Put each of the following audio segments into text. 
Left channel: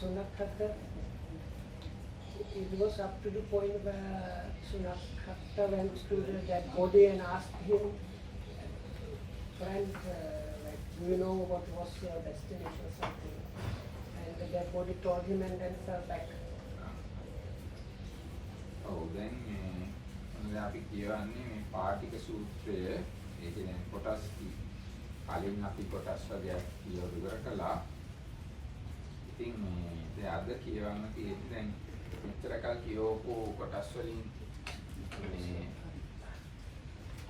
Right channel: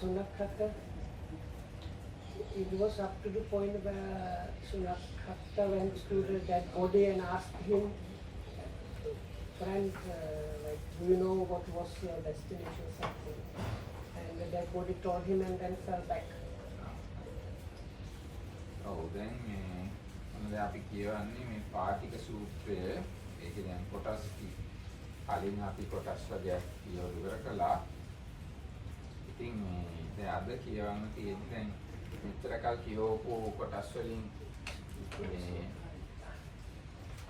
Sunakata, it was up to the point where Sunakata went to the dead body and asked him, friend, like, do you know what was your destination or something? And the dead body told him and then fell back. ඔව් දැන් මේ මොනද අපි කියවන්නේ මේ පාටික සූත්‍රය ඒකේ දැන් කොටස් කලින් අපි කොටස් වර්ගයක් කියවලා ඉවර කළා. ඉතින් මේ දැන් අද කියවන්න තියෙන්නේ දැන් මෙච්චර කල් කියවපු කොටස් වලින් මේ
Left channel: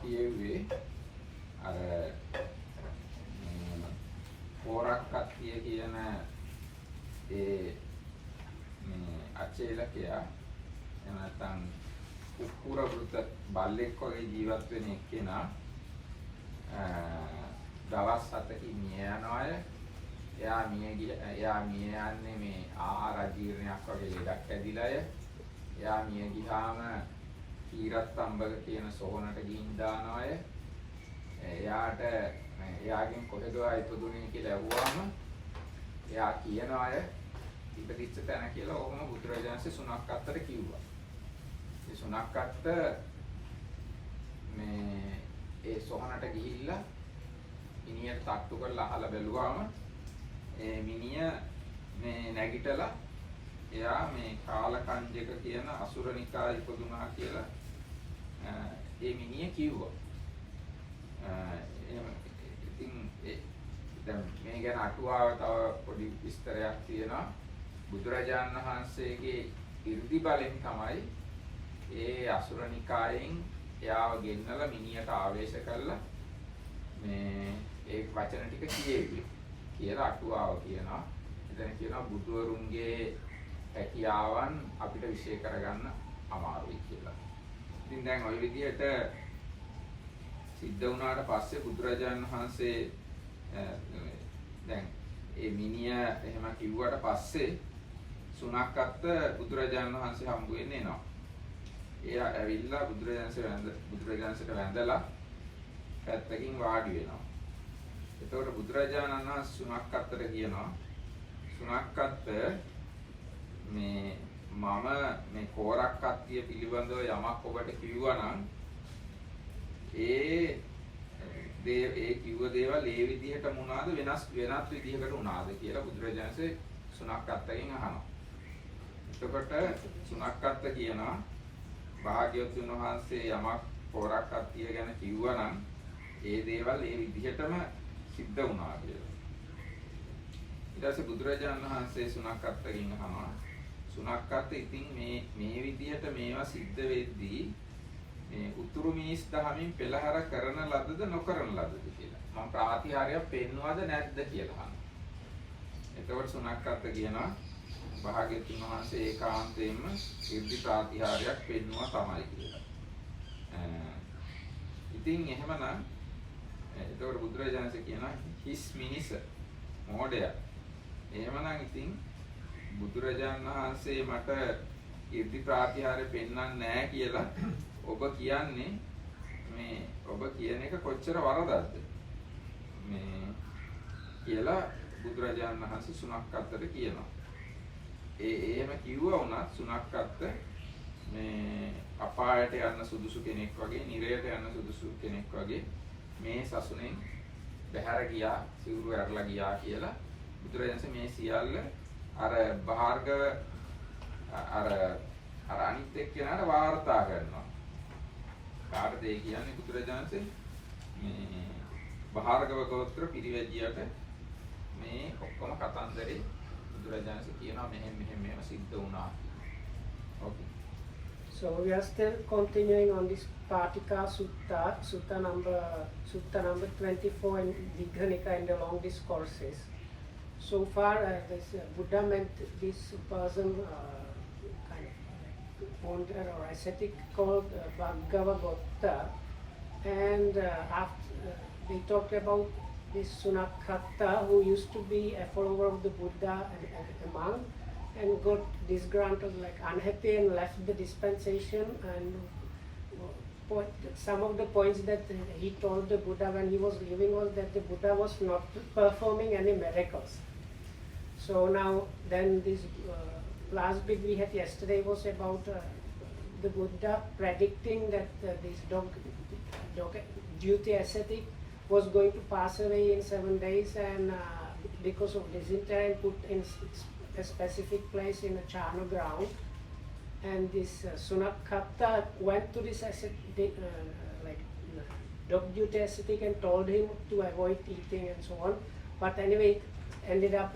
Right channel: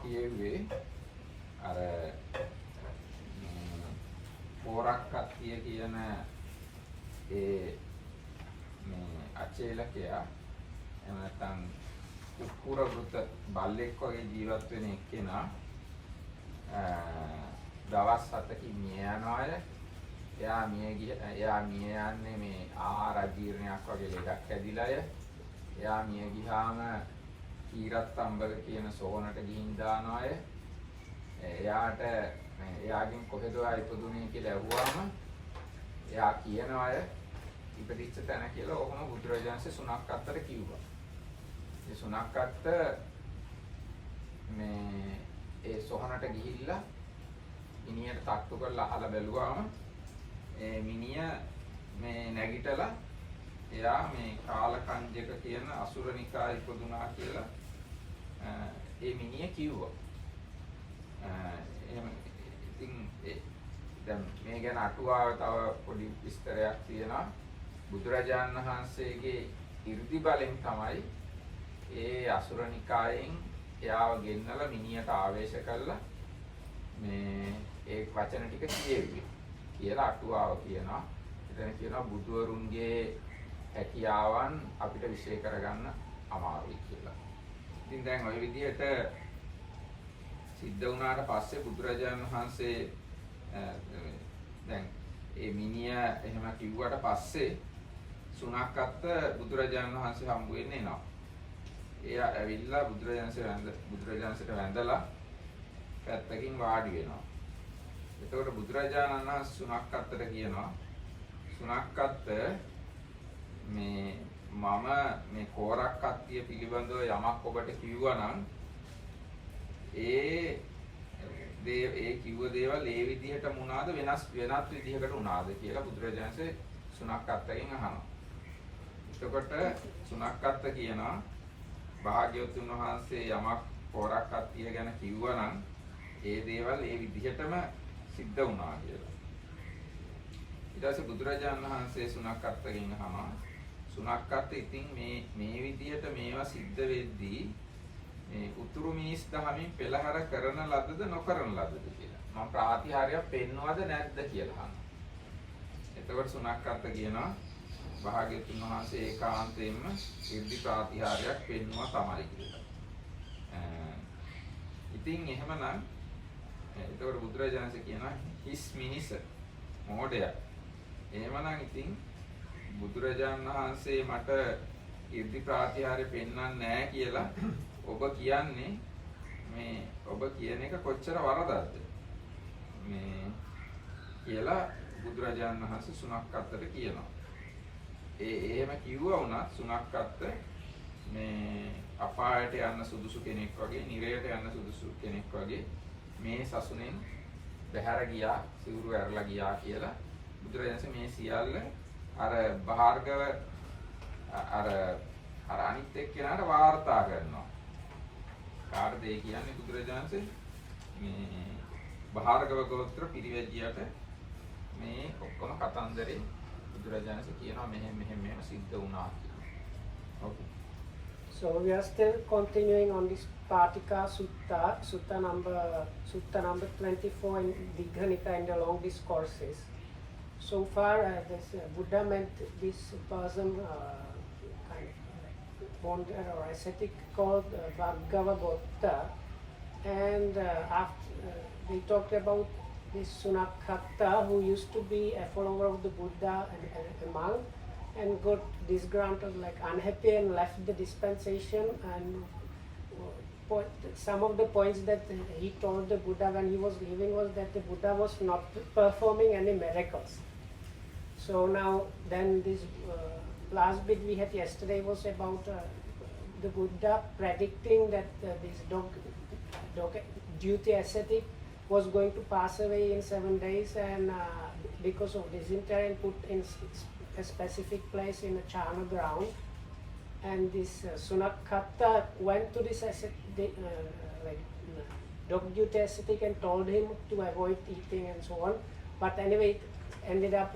කියෙව්වේ අර පෝරක් කට්ටිය කියන ඒ මේ අචේලකයා එහෙම නැත්නම් උකුර වෘත බල්ලෙක් වගේ ජීවත් වෙන එක්කෙනා දවස් 7කින් මිය යන අය එයා මිය යන්නේ මේ ආහාර ජීර්ණයක් වගේ ලෙඩක් ඇදිලාය එයා මිය ගියාම කීරත්තම්බක කියන සොහනට ගිහින් දාන අය එයාට එයාගෙන් කොහෙද ඉපදුනේ කියලා ඇහුවාම එයා කියන අය ඉපදිච්ච තැන කියලා ඔහොම බුදුරජාණන්සේ සුණක්කත්තට කිව්වා. ඒ සුණක්කත්ත මේ ඒ සොහනට ගිහිල්ලා මිනිහට තට්ටු කරලා අහලා බැලුවාම ඒ මිනිහ මේ නැගිටලා එයා මේ කාලකංජක කියන අසුරනිකා ඉපදුනා කියලා ඒ මිනිහ කිව්වා. එහෙම ඉතින් දැන් මේ ගැන අටුවාව තව පොඩි විස්තරයක් තියෙනවා. බුදුරජාණන් වහන්සේගේ 이르දි බලෙන් තමයි ඒ අසුරනිකායෙන් එයාව ගෙන්නලා මිනිහට ආවේශ කළා මේ ඒ වචන ටික කියෙව්වේ කියලා අටුවාව කියනවා. එතන කියනවා බුදුවරුන්ගේ හැකියාවන් අපිට විශ්ලේෂ කරගන්න අමාරුයි කියලා. ඉතින් දැන් ওই විදිහට සිද්ධ වුණාට පස්සේ බුදුරජාණන් වහන්සේ දැන් ඒ මිනිහ එහෙම කිව්වට පස්සේ සුණක්කත්ත බුදුරජාණන් වහන්සේ හම්බ වෙන්න එනවා. එයා ඇවිල්ලා බුදුරජාණන්සේට වැඳලා පැත්තකින් වාඩි වෙනවා. එතකොට බුදුරජාණන් වහන්සේ සුණක්කත්තට කියනවා සුණක්කත්ත මේ මම මේ කෝරක් කත්තිය පිළිබඳව යමක් ඔබට කිව්වා නම් ඒ කිව්ව දේවල් ඒ විදිහට වුණාද වෙනත් විදිහකට වුණාද කියලා බුදුරජාණන්සේ සුණක්කත්තගෙන් අහනවා. එතකොට සුණක්කත්ත කියනවා භාග්‍යවතුන් වහන්සේ යමක් කෝරක් කත්තිය ගැන කිව්වා නම් ඒ දේවල් ඒ විදිහටම සිද්ධ වුණා කියලා. ඊට පස්සේ බුදුරජාණන් වහන්සේ සුණක්කත්තගෙන් අහනවා සුණක්කත්ත ඉතින් මේ විදිහට මේවා සිද්ධ වෙද්දී මේ උතුරු මිනිස් දහමින් පෙළහර කරන ලද්දද නොකරන ලද්දද කියලා. මම ප්‍රාතිහාර්යයක් පෙන්වවද නැද්ද කියලා අහනවා. එතකොට සුණක්කත්ත කියනවා භාග්‍යවතුන් වහන්සේ ඒකාන්තයෙන්ම ඉර්ධි ප්‍රාතිහාර්යයක් පෙන්වුවා තමයි කියලා. ඉතින් එහෙමනම් එතකොට බුදුරජාණන්සේ කියනවා හිස් මිනිස මොඩය. එහෙමනම් ඉතින් බුදුරජාණන් වහන්සේ මට ඉර්ධි ප්‍රාතිහාර්ය පෙන්වන්නේ නැහැ කියලා ඔබ කියන්නේ මේ ඔබ කියන එක කොච්චර වරදක්ද මේ කියලා බුදුරජාණන් වහන්සේ සුණක්කත්තට කියනවා. එහෙම කිව්වා වුණත් සුණක්කත්ත මේ අපායට යන්න සුදුසු කෙනෙක් වගේ, නිරයට යන්න සුදුසු කෙනෙක් වගේ මේ සසුනෙන් බැහැර ගියා, සිවුරු ඇරලා ගියා කියලා බුදුරජාණන්සේ මේ සියල්ල අර භාර්ගව අර අනිත් එක්කෙනාට වාර්තා කරනවා. කාටද ඒ කියන්නේ බුදුරජාණන්සේ මේ භාර්ගව ගෝත්‍ර පිරිවැජියට මේ ඔක්කොම කතන්දරේ බුදුරජාණන්සේ කියනවා මෙහෙම සිද්ධ වුණා. Okay. So we are still continuing on this Patika Sutta number 24 in Digha Nikaya in the long discourses. So far, this Buddha meant this person kind of ponder or ascetic called Bhagavagotta, and after they talked about this Sunakhatta who used to be a follower of the Buddha and a monk, and got disgruntled, like unhappy, and left the dispensation. And some of the points that he told the Buddha when he was leaving was that the Buddha was not performing any miracles. So now, then this last bit we had yesterday was about the Buddha predicting that this dog duty ascetic was going to pass away in 7 days, and because of dysentery, and put in a specific place in a charnel ground. And this Sunakhatta went to this dog duty ascetic and told him to avoid eating and so on. But anyway, it ended up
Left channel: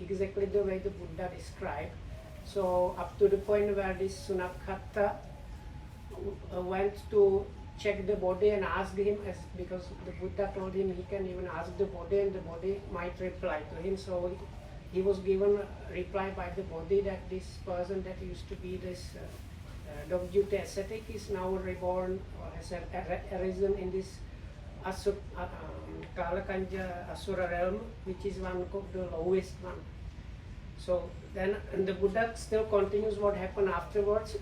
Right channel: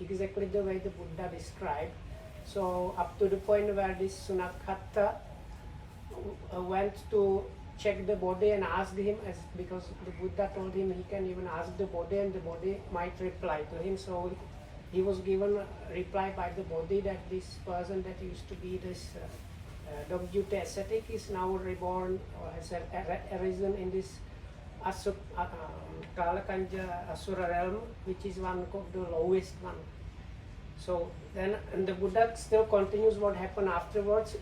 exactly the way the Buddha described. So up to the point where this Sunakhatta went to check the body and asked him, because the Buddha told him he can even ask the body and the body might reply to him. So he was given a reply by the body that this person that used to be this dog duty ascetic is now reborn, or has arisen in this Kalakanja Asura realm, which is one of the lowest one. So then, and the Buddha still continues what happened afterwards,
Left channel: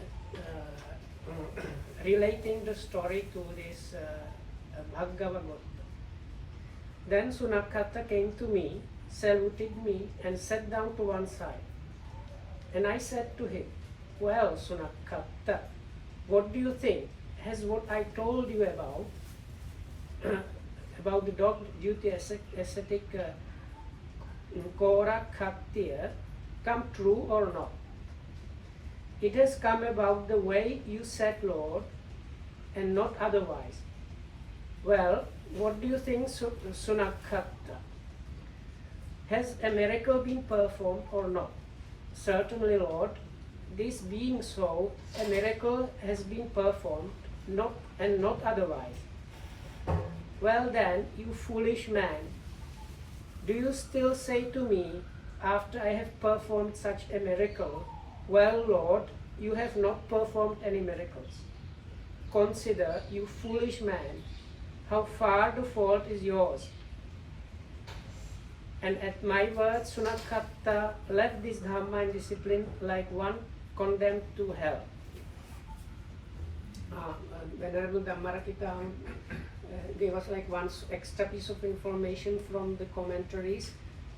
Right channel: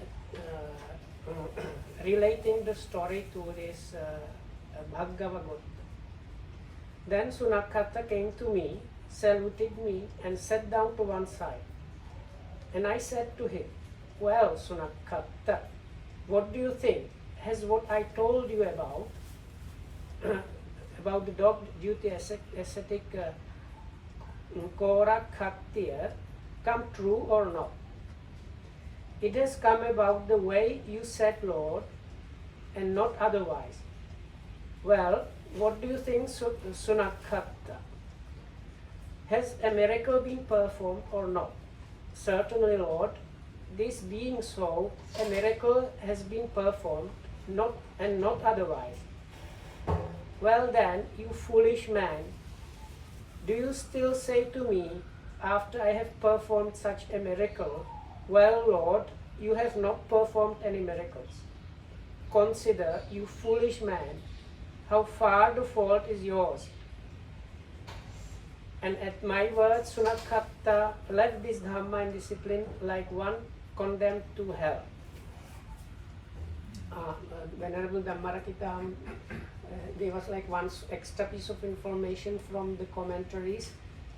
relating the story to this Bhagavagotta. Then Sunakhatta came to me, saluted me, and sat down to one side. And I said to him, "Well, Sunakhatta, what do you think? Has what I told you about about the dog duty ascetic Korakhattiya come true or not?" "It has come about the way you said, Lord, and not otherwise." "Well, what do you think, Sunakhatta? Has a miracle been performed or not?" "Certainly, Lord, this being so, a miracle has been performed, not otherwise." "Well then, you foolish man, do you still say to me, after I have performed such a miracle, 'Well, Lord, you have not performed any miracles'? Consider, you foolish man, how far the fault is yours." And at my words, Sunakhatta left this Dhamma and discipline like one condemned to hell. Venerable Dhammarakita gave us like one extra piece of information from the commentaries.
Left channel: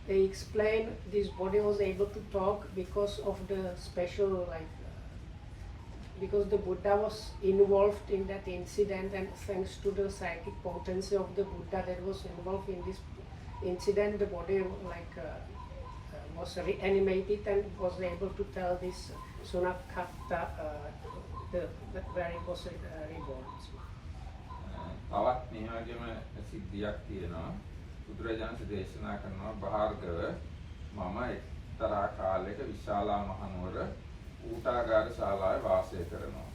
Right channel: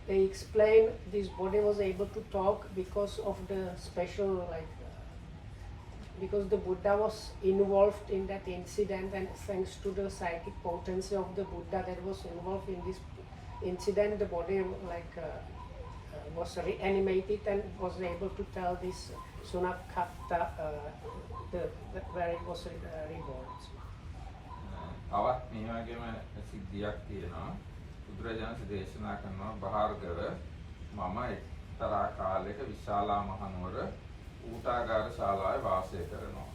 They explain this body was able to talk because of the special, because the Buddha was involved in that incident, and thanks to the psychic potency of the Buddha that was involved in this incident, the body was reanimated and was able to tell this Sunakhatta where it was reborn. තවත් මේ වගේම සිද්ධියක් තියෙනවා. බුදුරජාණන් දේශනා කරනවා භාර්ගව මම එක්තරා කාලයක විශාලා මහනුවර ඌටාගාර ශාලාවේ වාසය කරනවා.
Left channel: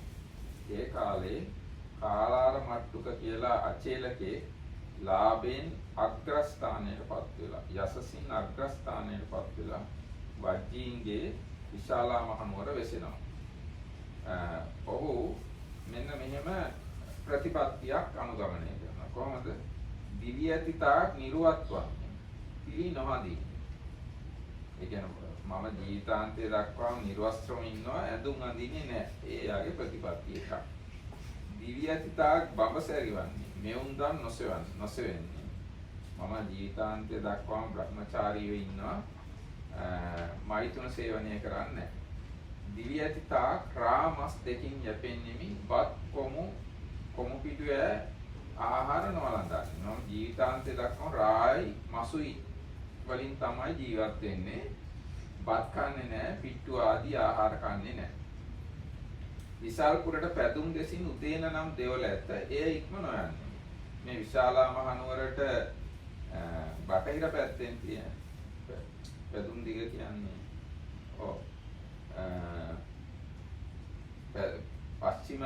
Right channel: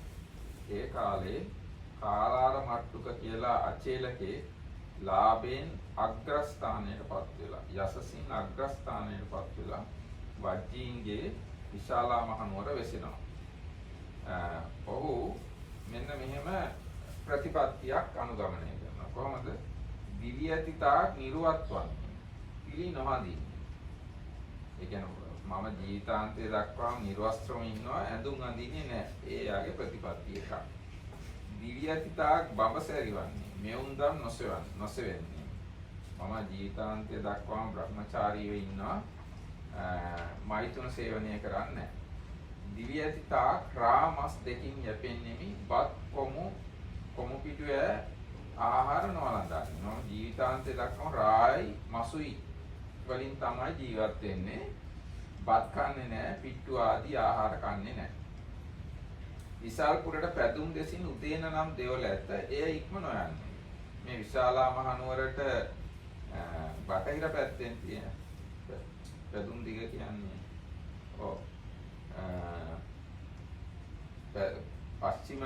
ඒ කාලේ කාලාර මට්ටුක කියලා අචේලකේ ලාභයෙන් අග්‍රස්ථානයටපත් වෙලා යසසින් අග්‍රස්ථානයටපත් වෙලා වජ්ජීන්ගේ විශාලා මහනුවර වෙසෙනවා. ඔහු මෙන්න මෙහෙම ප්‍රතිපත්තියක් අනුගමනය කරනවා. කොහොමද? දිවි ඇතිතා නිර්වත්වන් පිළි නොහඳින්නේ. ඒ කියන්නේ මම ජීවිතාන්තය දක්වාම නිර්වස්ත්‍රව ඉන්නවා, ඇඳුම් අඳින්නේ නැහැ. ඒ යාගේ ප්‍රතිපත්තිය එකක්. දිවි ඇතිතා බඹසැරිවන්නේ, මෙවුන්දම් නොසෙවන්නේ. මම ජීවිතාන්තය දක්වාම බ්‍රහ්මචාරීව ඉන්නවා, මෛතුන සේවනය කරන්නේ නැහැ. දිවි ඇතිතා ක්‍රාමස් දෙකින් යැපෙන්නේමි, බත් කොමු පිටුවේ ආහාර නොවලඳන්නේ. ජීවිතාන්තය දක්වාම රායි මසුයි වලින් තමයි ජීවත් වෙන්නේ. බත් කන්නේ නැහැ, පිට්ටු ආදී ආහාර කන්නේ නැහැ. විශාලපුරට පැදුම් දෙසින් උදේන නම් දෙවල ඇත. එය ඉක්ම නොයන්නේ. මේ විශාලා මහනුවරට බටහිර පැත්තෙන් තියෙන පැදුම් දිග කියන්නේ පශ්චිම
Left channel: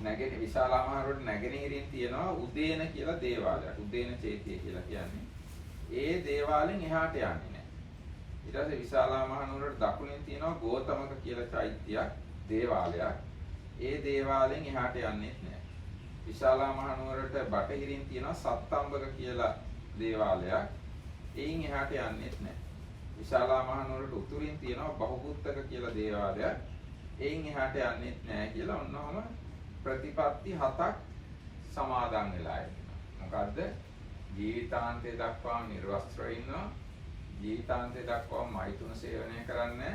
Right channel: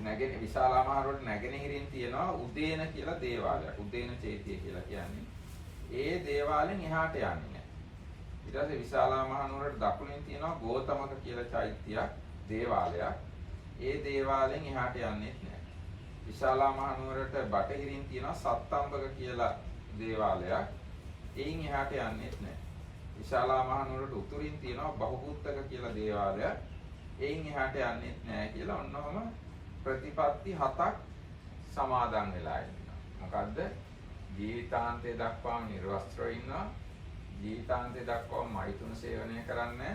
නැගෙන විශාලා මහනුවරට නැගෙනහිරින් තියෙනවා උදේන කියලා දේවාලයක්. උදේන චෛත්‍ය කියලා කියන්නේ. ඒ දේවාලෙන් එහාට යන්නේ නැහැ. ඊට පස්සේ විශාලා මහනුවරට දකුණින් තියෙනවා ගෝතමක කියලා චෛත්‍යයක්, දේවාලයක්. ඒ දේවාලෙන් එහාට යන්නේ නැහැ. විශාලා මහනුවරට බටහිරින් තියෙනවා සත්තම්බක කියලා දේවාලයක්. එයින් එහාට යන්නේ නැහැ. විශාලා මහනුවරට උතුරින් තියෙනවා බහුබුත්තක කියලා දේවාලයක්. එයින් එහාට යන්නේ නැහැ කියලා ඔන්නෝම ප්‍රතිපත්ති 7ක් සමාදන් වෙලා ඉන්නවා. මොකද්ද? ජීවිතාන්තය දක්වාම නිර්වස්ත්‍රව ඉන්නවා. ජීවිතාන්තය දක්වාම මෛතුන සේවනය කරන්නේ.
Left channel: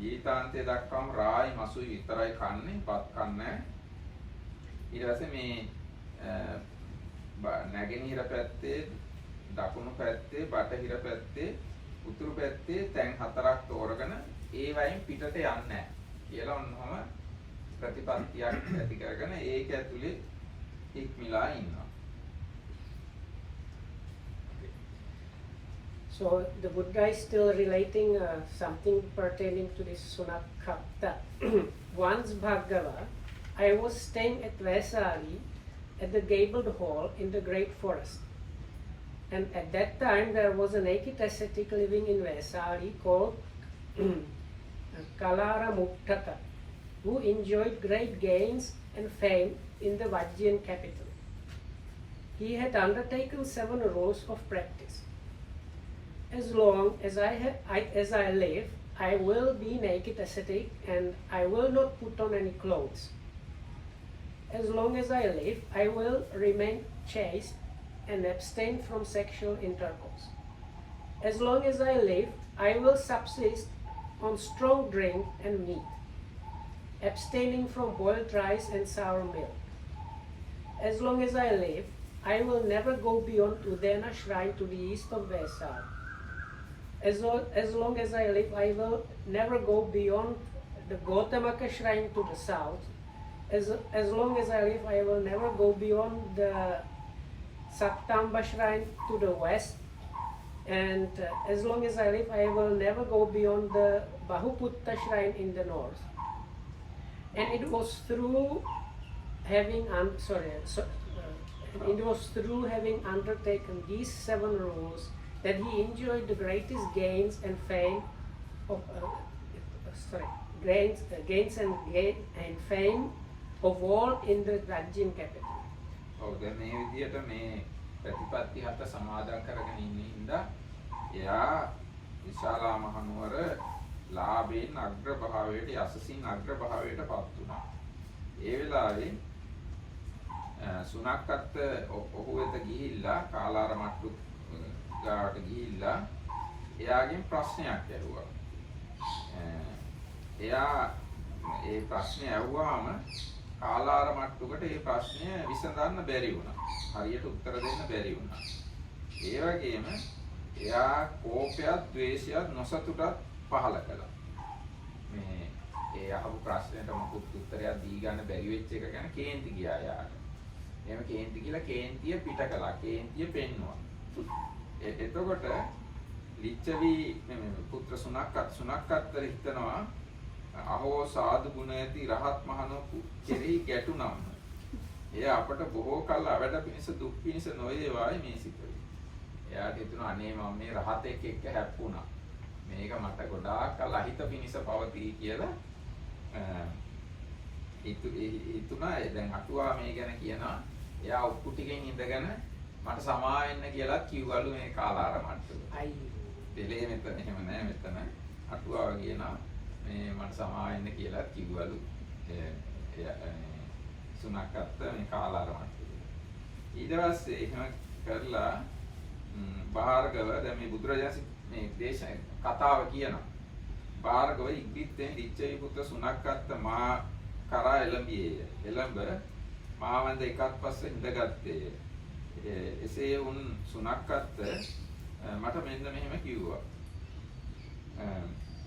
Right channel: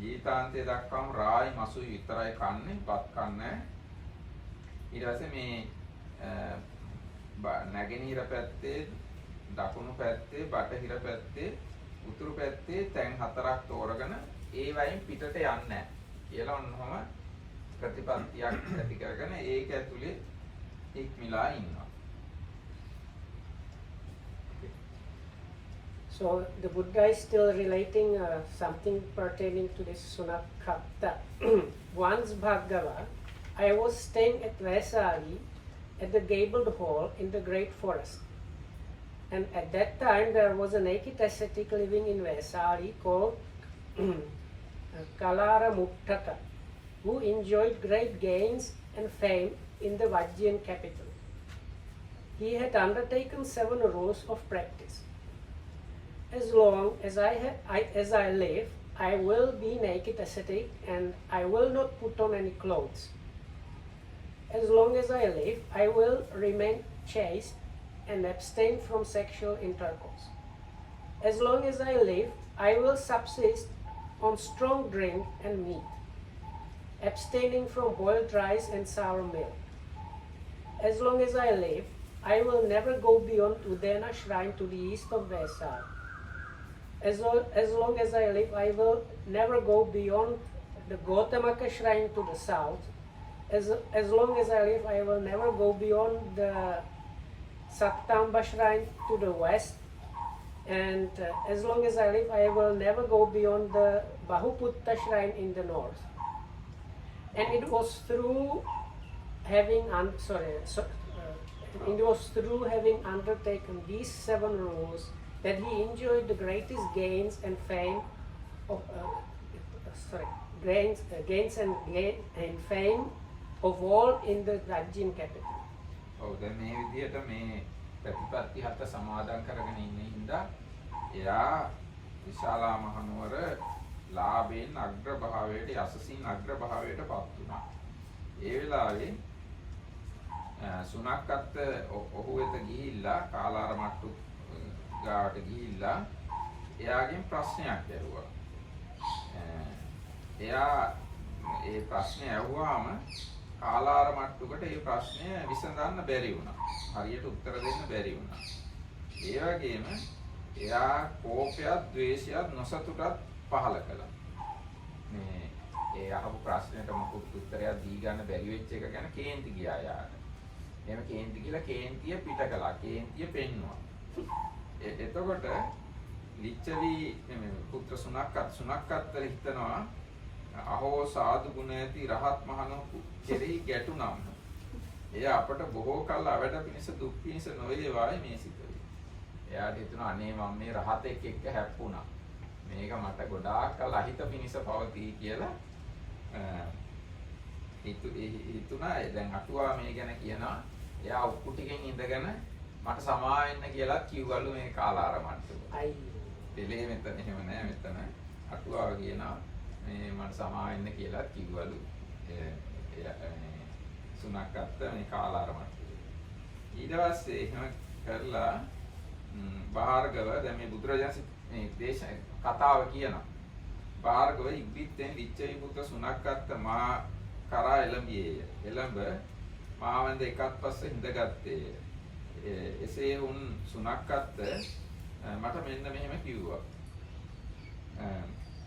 ජීවිතාන්තය දක්වාම රායි මසුයි විතරයි කන්නේ, බත් කන්නේ. ඊට පස්සේ මේ නැගෙනහිර පැත්තේ, දකුණු පැත්තේ, බටහිර පැත්තේ, උතුරු පැත්තේ තැන් 4ක් තෝරගෙන ඒ වයින් පිටට යන්නේ නැහැ කියලා ඔන්නම ප්‍රතිපත්තියක් ඇති කරගෙන ඒක ඇතුලේ ඉක්මලා ඉන්නවා. So the Buddha is still relating something pertaining to this Sunakkatta. Once Bhargava, I was staying at Vaisali at the gabled hall in the great forest. And at that time there was a naked ascetic living in Vaisali called Kalara Muttaka, who enjoyed great gains and fame in the Vajjian capital. He had undertaken 7 rules of practice. As long as I live, I will be naked ascetic and I will not put on any clothes. As long as I live, I will remain chaste and abstain from sexual intercourse. As long as I live, I will subsist on strong drink and meat, abstaining from boiled rice and sour milk. As long as I live, I will never go beyond Udena shrine to the east of Vaisali. As long as I live, I will never go beyond the Gautamaka shrine to the south. As long as I live, I will never go beyond the Saptamba shrine to the west. And as long as I live, I will never go beyond the Bahuputta shrine in the north. And it was through having undertaken these 7 rules that he enjoyed the greatest gains and fame of fame of all in the Vajjian capital. ඔව් දැන් මේ විදිහට මේ ප්‍රතිපත්ති 7 සමාදන් කරගෙන ඉන්න හින්දා එයා විශාලා මහනුවර ලාභයෙන් අග්‍ර භාවයට යසසින් අග්‍ර භාවයට පත් වුණා. ඒ වෙලාවේ සුනක්කත් ඔහු වෙත ගිහිල්ලා කාලාර මට්ටු ගාවට ගිහිල්ලා එයාගෙන් ප්‍රශ්නයක් ඇහුවා. එයා ඒ ප්‍රශ්නේ ඇහුවාම කාලාර මට්ටුකට ඒ ප්‍රශ්නය විසඳන්න බැරි වුණා. හරියට උත්තර දෙන්න බැරි වුණා. ඒ වගේම එයා කෝපයත්, ද්වේෂයත්, නොසතුටත් පහළ කළා. මේ ඒ අහපු ප්‍රශ්නෙට මොකුත් උත්තරයක් දී ගන්න බැරි වෙච්ච එක ගැන කේන්ති ගියා යාට. එහෙම කේන්ති කියලා කේන්තිය පිට කළා. කේන්තිය පෙන්නුවා. එතකොට ලිච්ඡවි මේ පුත්‍ර සුනක්කත් හිතනවා අහෝ සාදු ගුණ ඇති රහත් මහණු කෙරෙහි ගැටුනම් එය අපට බොහෝ කල් අවඩ පිණිස දුක් පිණිස නොවේවායි මේ සිතුවේ. එයාට හිතුණා අනේ මම මේ රහතෙක් එක්ක හැප්පුණා. මේක මට ගොඩාක් කල් අහිත පිණිස පවතී කියලා හිතුණා. දැන් අටුවා මේ ගැන කියනවා. එයා ඔක්කු ටිකෙන් ඉඳගෙන මට සමා වෙන්න කියලා කිව්වලු මේ කාලාර මට්ටු. දෙලේ මෙතන එහෙම නෑ මෙතන අටුවා කියනවා මේ මට සමා වෙන්න කියලා කිව්වලු. සුනක්කත් මේ කාලාර මට්ටු. ඊට පස්සේ එහෙම කරලා භාර්ගව දැන් මේ බුදුරජාණන් මේ දේශන කතාව කියනවා. භාර්ගව ඉක්බිත්තෙන් ලිච්ඡවි පුත්‍ර සුනක්කත් මා කරා එළඹියේය. එළඹ මාවන්ද එකත් පස්සේ ඉඳගත්තේය. එසේ වුන් සුනක්කත් මට මෙන්න මෙහෙම කිව්වා.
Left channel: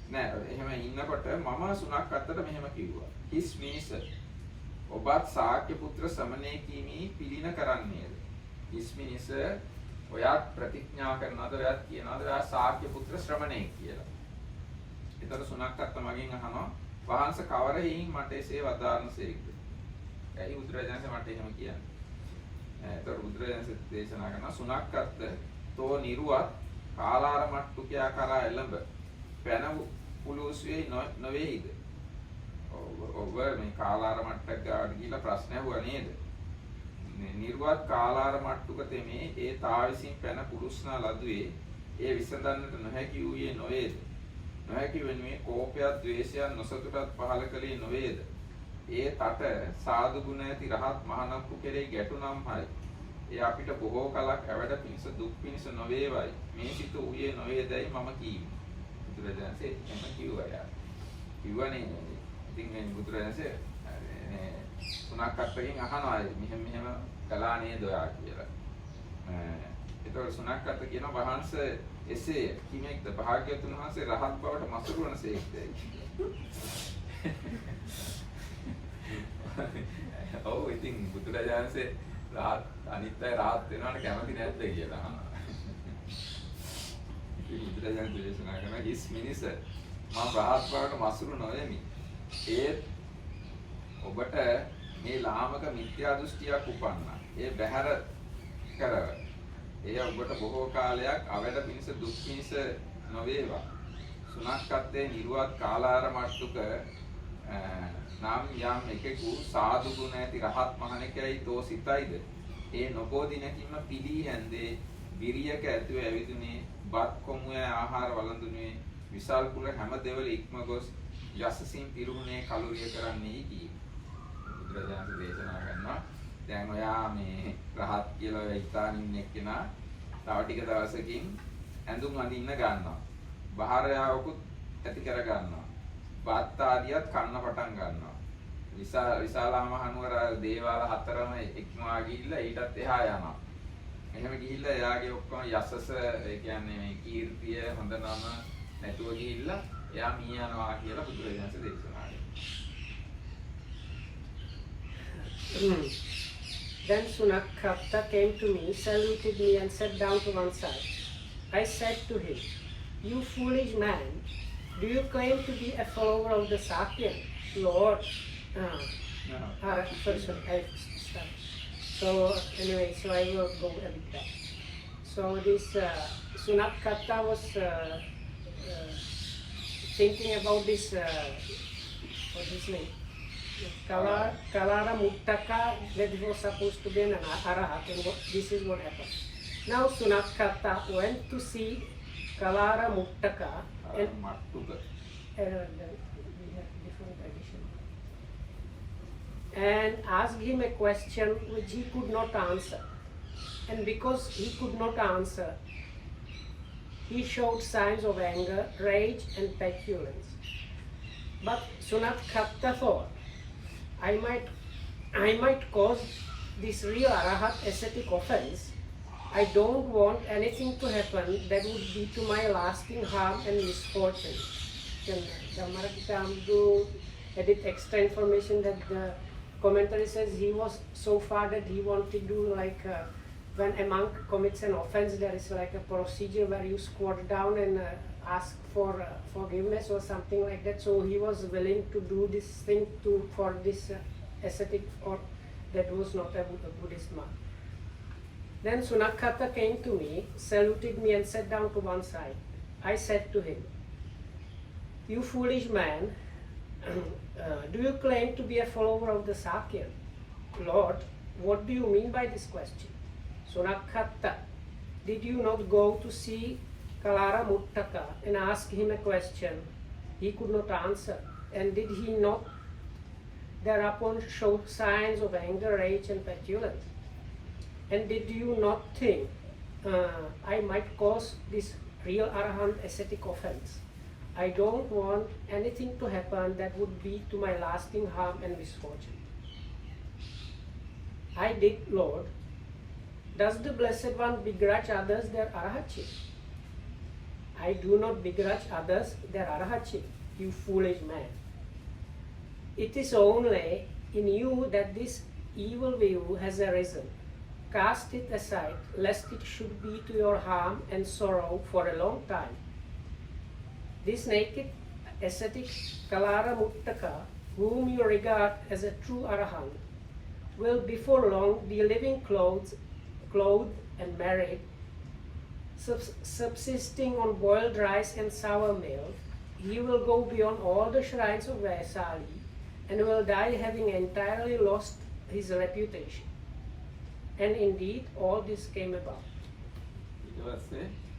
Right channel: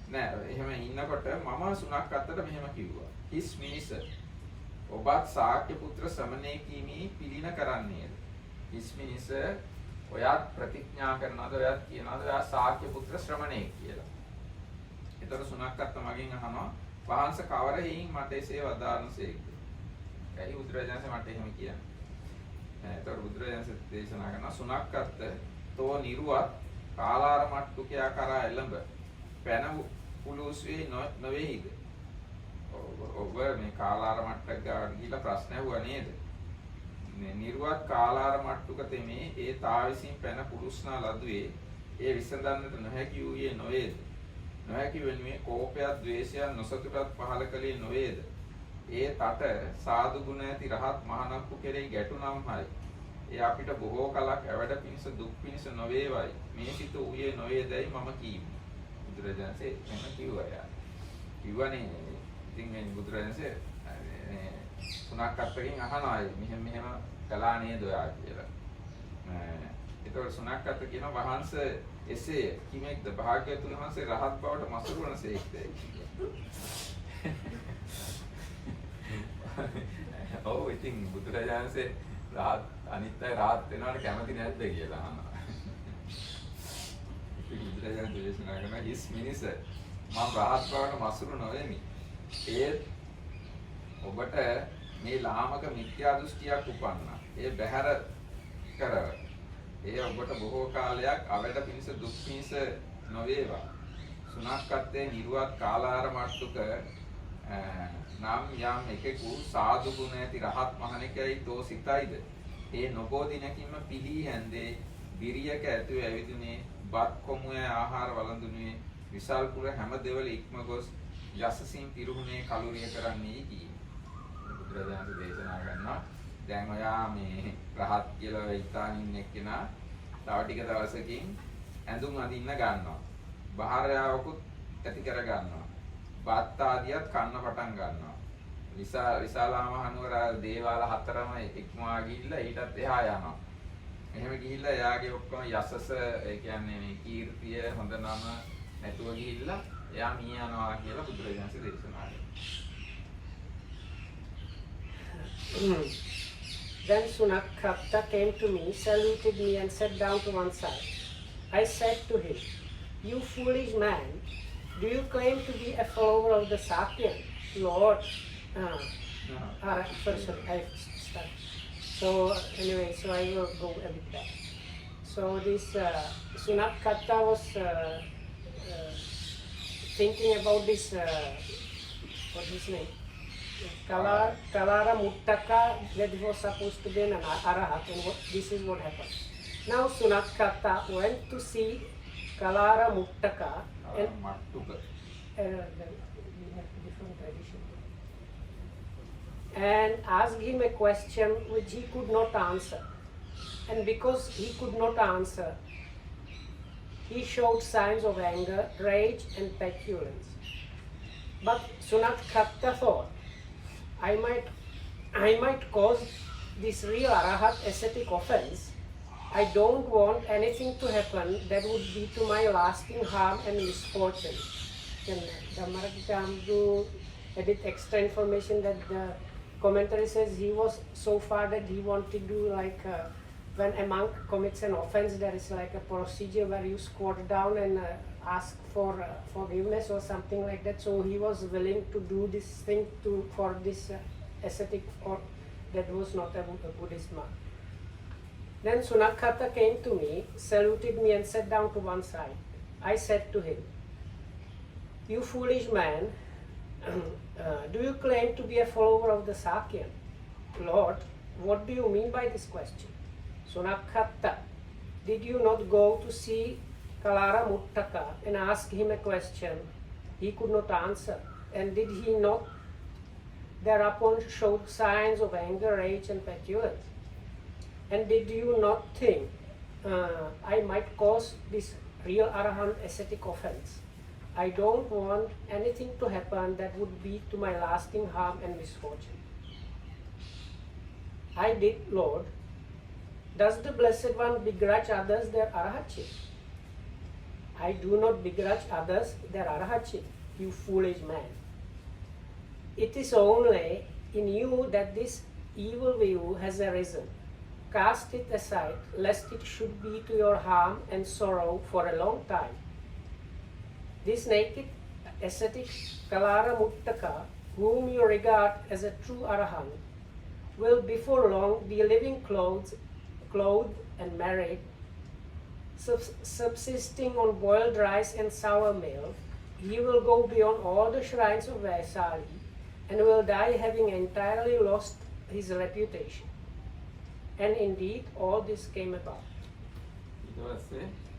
නෑ එහෙම ඉන්නකොට මම සුනක්කත්තට මෙහෙම කිව්වා. හිස් මිනිස ඔබත් ශාක්‍ය පුත්‍ර සමනේ කීමි පිළින කරන්නේද? හිස් මිනිස ඔයත් ප්‍රතිඥා කරනවද? ඔයත් කියනවද ඔයා ශාක්‍ය පුත්‍ර ශ්‍රමණේ කියලා? ඒතර සුනක්කත්ත මගෙන් අහනවා වහන්ස කවර හේයින් මට එසේ වදාරනසේක්ද? ඇයි බුදුරජාණන් මට එහෙම කියන්නේ? ඒතර බුදුරජාණන් දේශනා කරනවා සුනක්කත්ත තෝ නිරුවත් කාලාර මට්ටුකයා කරා එළඹ පැන පුලුස්වේ නොවේයිද? ඔබ මේ කාලාර මට්ටක් ගාවට ගිහිල්ලා ප්‍රශ්න ඇහුවා නේද? නිර්වත් කාලාර මට්ටුක තෙමේ ඒ තාවිසින් පැන පුලුස්නා ලදුවේ ඒ විසඳන්නට නොහැකි වූයේ නොවේද? නොහැකි වෙන්නේ කෝපයත්, ද්වේෂයත්, නොසතුටත් පහළ කලේ නොවේද? ඒ තට සාදු ගුණ ඇති රහත් මහණක්කු කෙරෙහි ගැටුනම් හරි. ඒ අපිට බොහෝ කලක් ඇවැඩ පිණිස දුක් පිණිස නොවේවයි. මේ සිත ඌයේ නොවේදයි මම කීමි. බුදුරජාණන්සේ එහෙම කිව්වා යා. කිව්වනේ ඉතින් මේ බුදුරජාණන්සේ මේ තුනක් අත්තකින් අහනවා මෙහෙම කළා නේද ඔයා කියලා. ඒතකොට සුණක්කත් කියනවා වහන්සේ එසේ කිමෙක්ද භාග්‍යවතුන් වහන්සේ රහත් බවට මසුරු වනසේක්ද? ඔව් ඉතින් බුදුරජාණන්සේ රහත් අනිත් අය රහත් වෙනවට කැමති නැද්ද කියලා අහනවා. ඉතින් බුදුරජාණන් දේශනා කරනවා "හිස් මිනිස මම රහත් බවට මසුරු නොවෙමි. ඒත් ඔබට මේ ලාමක මිත්‍යා දෘෂ්ටියක් උපන්නා. ඒ බැහැර කරව. ඒ ඔබට බොහෝ කාලයක් අවැඩ පිණිස දුක් පිණිස නොවේවා. සුණක්කත්තේ නිර්වත් කාලාර මට්ටුක නම් යම් එකෙකු සාදු ගුණ ඇති රහත් මහණෙකයි තෝ සිතයිද? ඒ නොබෝ දිනකින්ම පිළී හැන්දේ විරියක ඇතුව ඇවිදුනේ බත් කොමුවේ ආහාර වළඳුනේ විසල් කුර හැම දෙවල ඉක්ම ගොස් යසසින් පිරුණේ කලුරිය කරන්නේ කී. බුදුරජාණන් දේශනා කරනවා දැන් ඔයා මේ රහත් කියලා වෙයිතාන ඉන්න එක්කෙනා තව ටික දවසකින් ඇඳුම් අඳින්න ගන්නවා. බාහිරයාවකුත් ඇති කර ගන්නවා. බත් ආදියත් කන්න පටන් ගන්නවා. විශාලා මහනුවර දේවාල හතරම ඉක්මවා ගිහිල්ලා ඊටත් එහා යනවා. එහෙම ගිහිල්ලා එයාගේ ඔක්කොම යසස ඒ කියන්නේ මේ කීර්තිය හොඳ නම නැතුව ගිහිල්ලා එයා මිය යනවා කියලා බුදුරජාණන් දේශනා කරනවා. Then Sunakhatta came to me, saluted me and sat down to one side. I said to him, "You foolish man, do you claim to be a follower of the Sakyan? Lord, sorry, I start. So anyway, so I will go a bit back. So this Sunakhatta was thinking about this, what's his name? Kalara Muttaka, that was supposed to be an Arahat, and this is what happened. Now Sunakhatta went to see Kalara Muttaka, and we have different tradition, and asked him a question which he could not answer. And because he could not answer, he showed signs of anger, rage, and petulance. But Sunakhatta thought, I might cause this real Arahat ascetic offense. I don't want anything to happen that would be to my lasting harm and misfortune. Then Dhammarakita added extra information that the commentary says he was so far that he wanted to like when a monk commits an offense, there is like a procedure where you squat down and ask for forgiveness or something like that. So he was willing to do this thing for this ascetic or that was not a Buddhist monk. Then Sunakhatta came to me, saluted me and sat down to one side. I said to him, "You foolish man, do you claim to be a follower of the Sakyan? Lord, what do you mean by this question? Sunakhatta, did you not go to see Kalara Muttaka and ask him a question he could not answer? And did he not thereupon show signs of anger, rage, and petulance? And did you not think I might cause this real Arahant ascetic offense? I don't want anything to happen that would be to my lasting harm and misfortune." I did, Lord. Does the Blessed One begrudge others their Arahatship? I do not begrudge others their Arahatship, you foolish man. It is only in you that this evil view has arisen. Cast it aside, lest it should be to your harm and sorrow for a long time. This naked ascetic Kalara Muttaka, whom you regard as a true Arahant, will before long be living clothed and married, subsisting on boiled rice and sour milk. He will go beyond all the shrines of Vaisali and will die having entirely lost his reputation. And indeed, all this came about.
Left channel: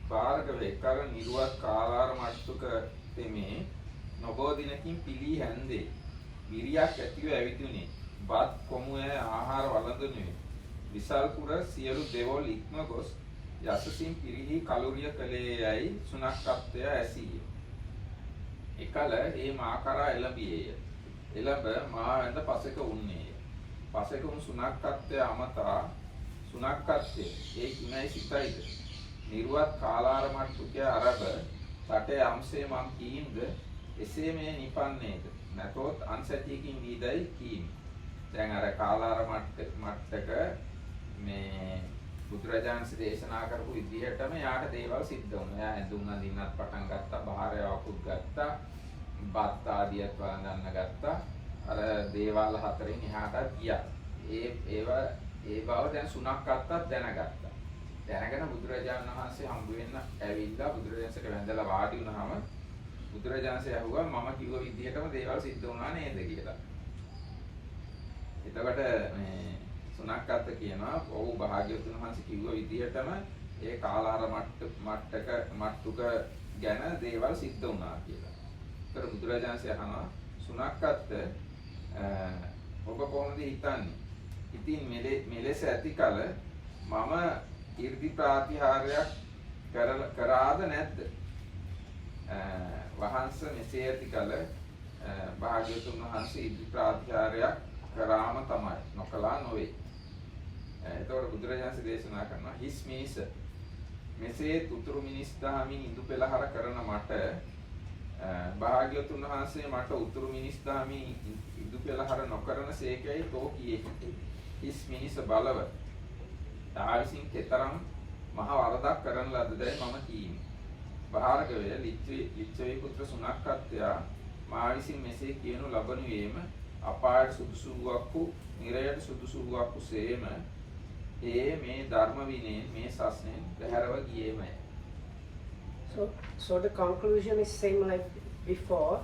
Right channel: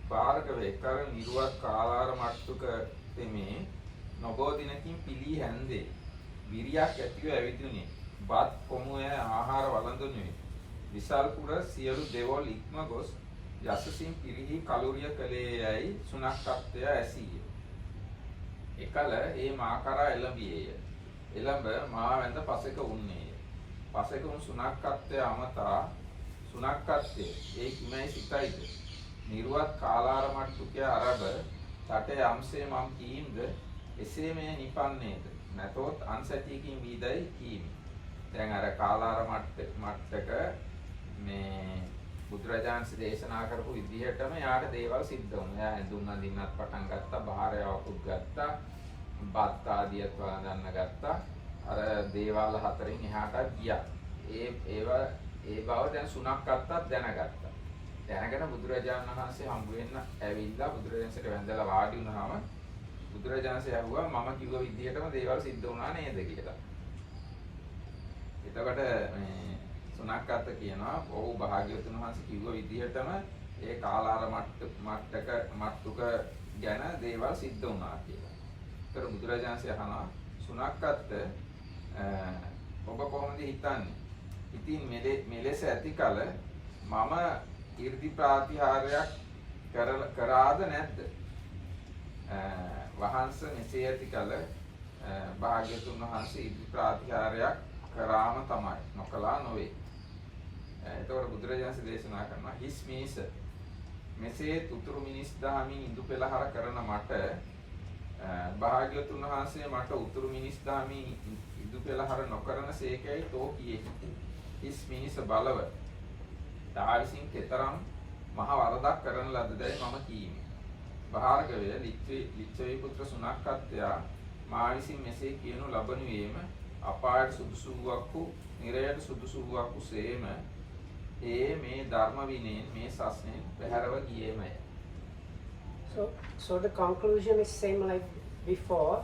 භාර්ගවේ කල නිර්වත් කාලාර මට්ටුක තෙමේ නොබෝ දිනකින් පිළී හැන්දේ විරියක් ඇතිව ඇවිදුනේ බත් කොමුවේ ආහාර වළඳුනේ විසල්පුර සියලු දෙවොල් ඉක්ම ගොස් යසසින් පිරිහි කලුරිය කලේ යයි සුනක්කත්වය ඇසීය. එකල ඒ මා කරා එළඹියේය. එළඹ මා වැඳ පසෙක උන්නේය. පසෙක උන් සුනක්කත්වය අමතා සුනක්කත්වය ඒ කිමයි සිතයිද. නිර්වත් කාලාර මට්ටුකය අරබ තටේ අම්සේ මම් කීම්ද එසේ මේ නිපන්නේද නැතොත් අන්සැටියකින් වීදයි කීමි. දැන් අර කාලාර මට්ටක මේ බුදුරජාණන් දේශනා කරපු විදිහටම යාට දේවල් සිද්ධ වුණා. එයා ඇඳුම් අඳින්නත් පටන් ගත්තා, බාහිරයවකුත් ගත්තා, බත් ආදියත් වළඳන්න ගත්තා. අර දේවාල හතරෙන් එහාට ගියා. ඒ බව දැන් සුනක්කත්තත් දැනගත්තා. දැනගෙන බුදුරජාණන් වහන්සේ හම්බ වෙන්න ඇවිල්ලා බුදුරජාණන්සට වැඳලා වාඩි වුණාම බුදුරජාණන්සේ අහුවා මම කිව්ව විදිහටම දේවල් සිද්ධ වුණා නේද කියලා. එතකොට මේ සුනක්කත්ත කියනවා ඔව් භාග්‍යවතුන් වහන්සේ කිව්ව විදිහටම ඒ කාලාර මට්ටුක ගැන දේවල් සිද්ධ වුණා කියලා. ඒතර බුදුරජාණන්සේ අහනවා සුනක්කත්ත ඔබ කොහොමද හිතන්නේ? ඉතින් මෙලෙස ඇති කල මම 이르දි ප්‍රාතිහාර්යයක් කරාද නැද්ද? වහන්සේ මෙසේ ඇති කල භාග්‍යවතුන් වහන්සේ 이르දි ප්‍රාතිහාර්යයක් කරාම තමයි නොකලා නොවේ. එතකොට බුදුරජාණන් දේශනා කරනවා හිස් මේස මෙසේ උතුරු මිනිස් දහමින් ඉදු පෙළහර කරන මට භාග්‍යවතුන් වහන්සේ මට උතුරු මිනිස් දහමින් ඉදු පෙළහර නොකරන සේකයි තෝ කියෙහි. හිස් මිනිස බලව තාවිසින් කෙතරම් මහ වරදක් කරන ලද්දයි මම කීමි. භාර්ගවය ලිච්ඡවී පුත්‍ර සුනක්කත්වයා මා විසින් මෙසේ කියනු ලබනුයේම අපායට සුදුසු වූවක්කු නිරයට සුදුසු වූවක්කු සේම ඒ මේ ධර්ම විනයෙන් මේ සස්නෙන් බැහැරව ගියේමය. So the conclusion is same like before.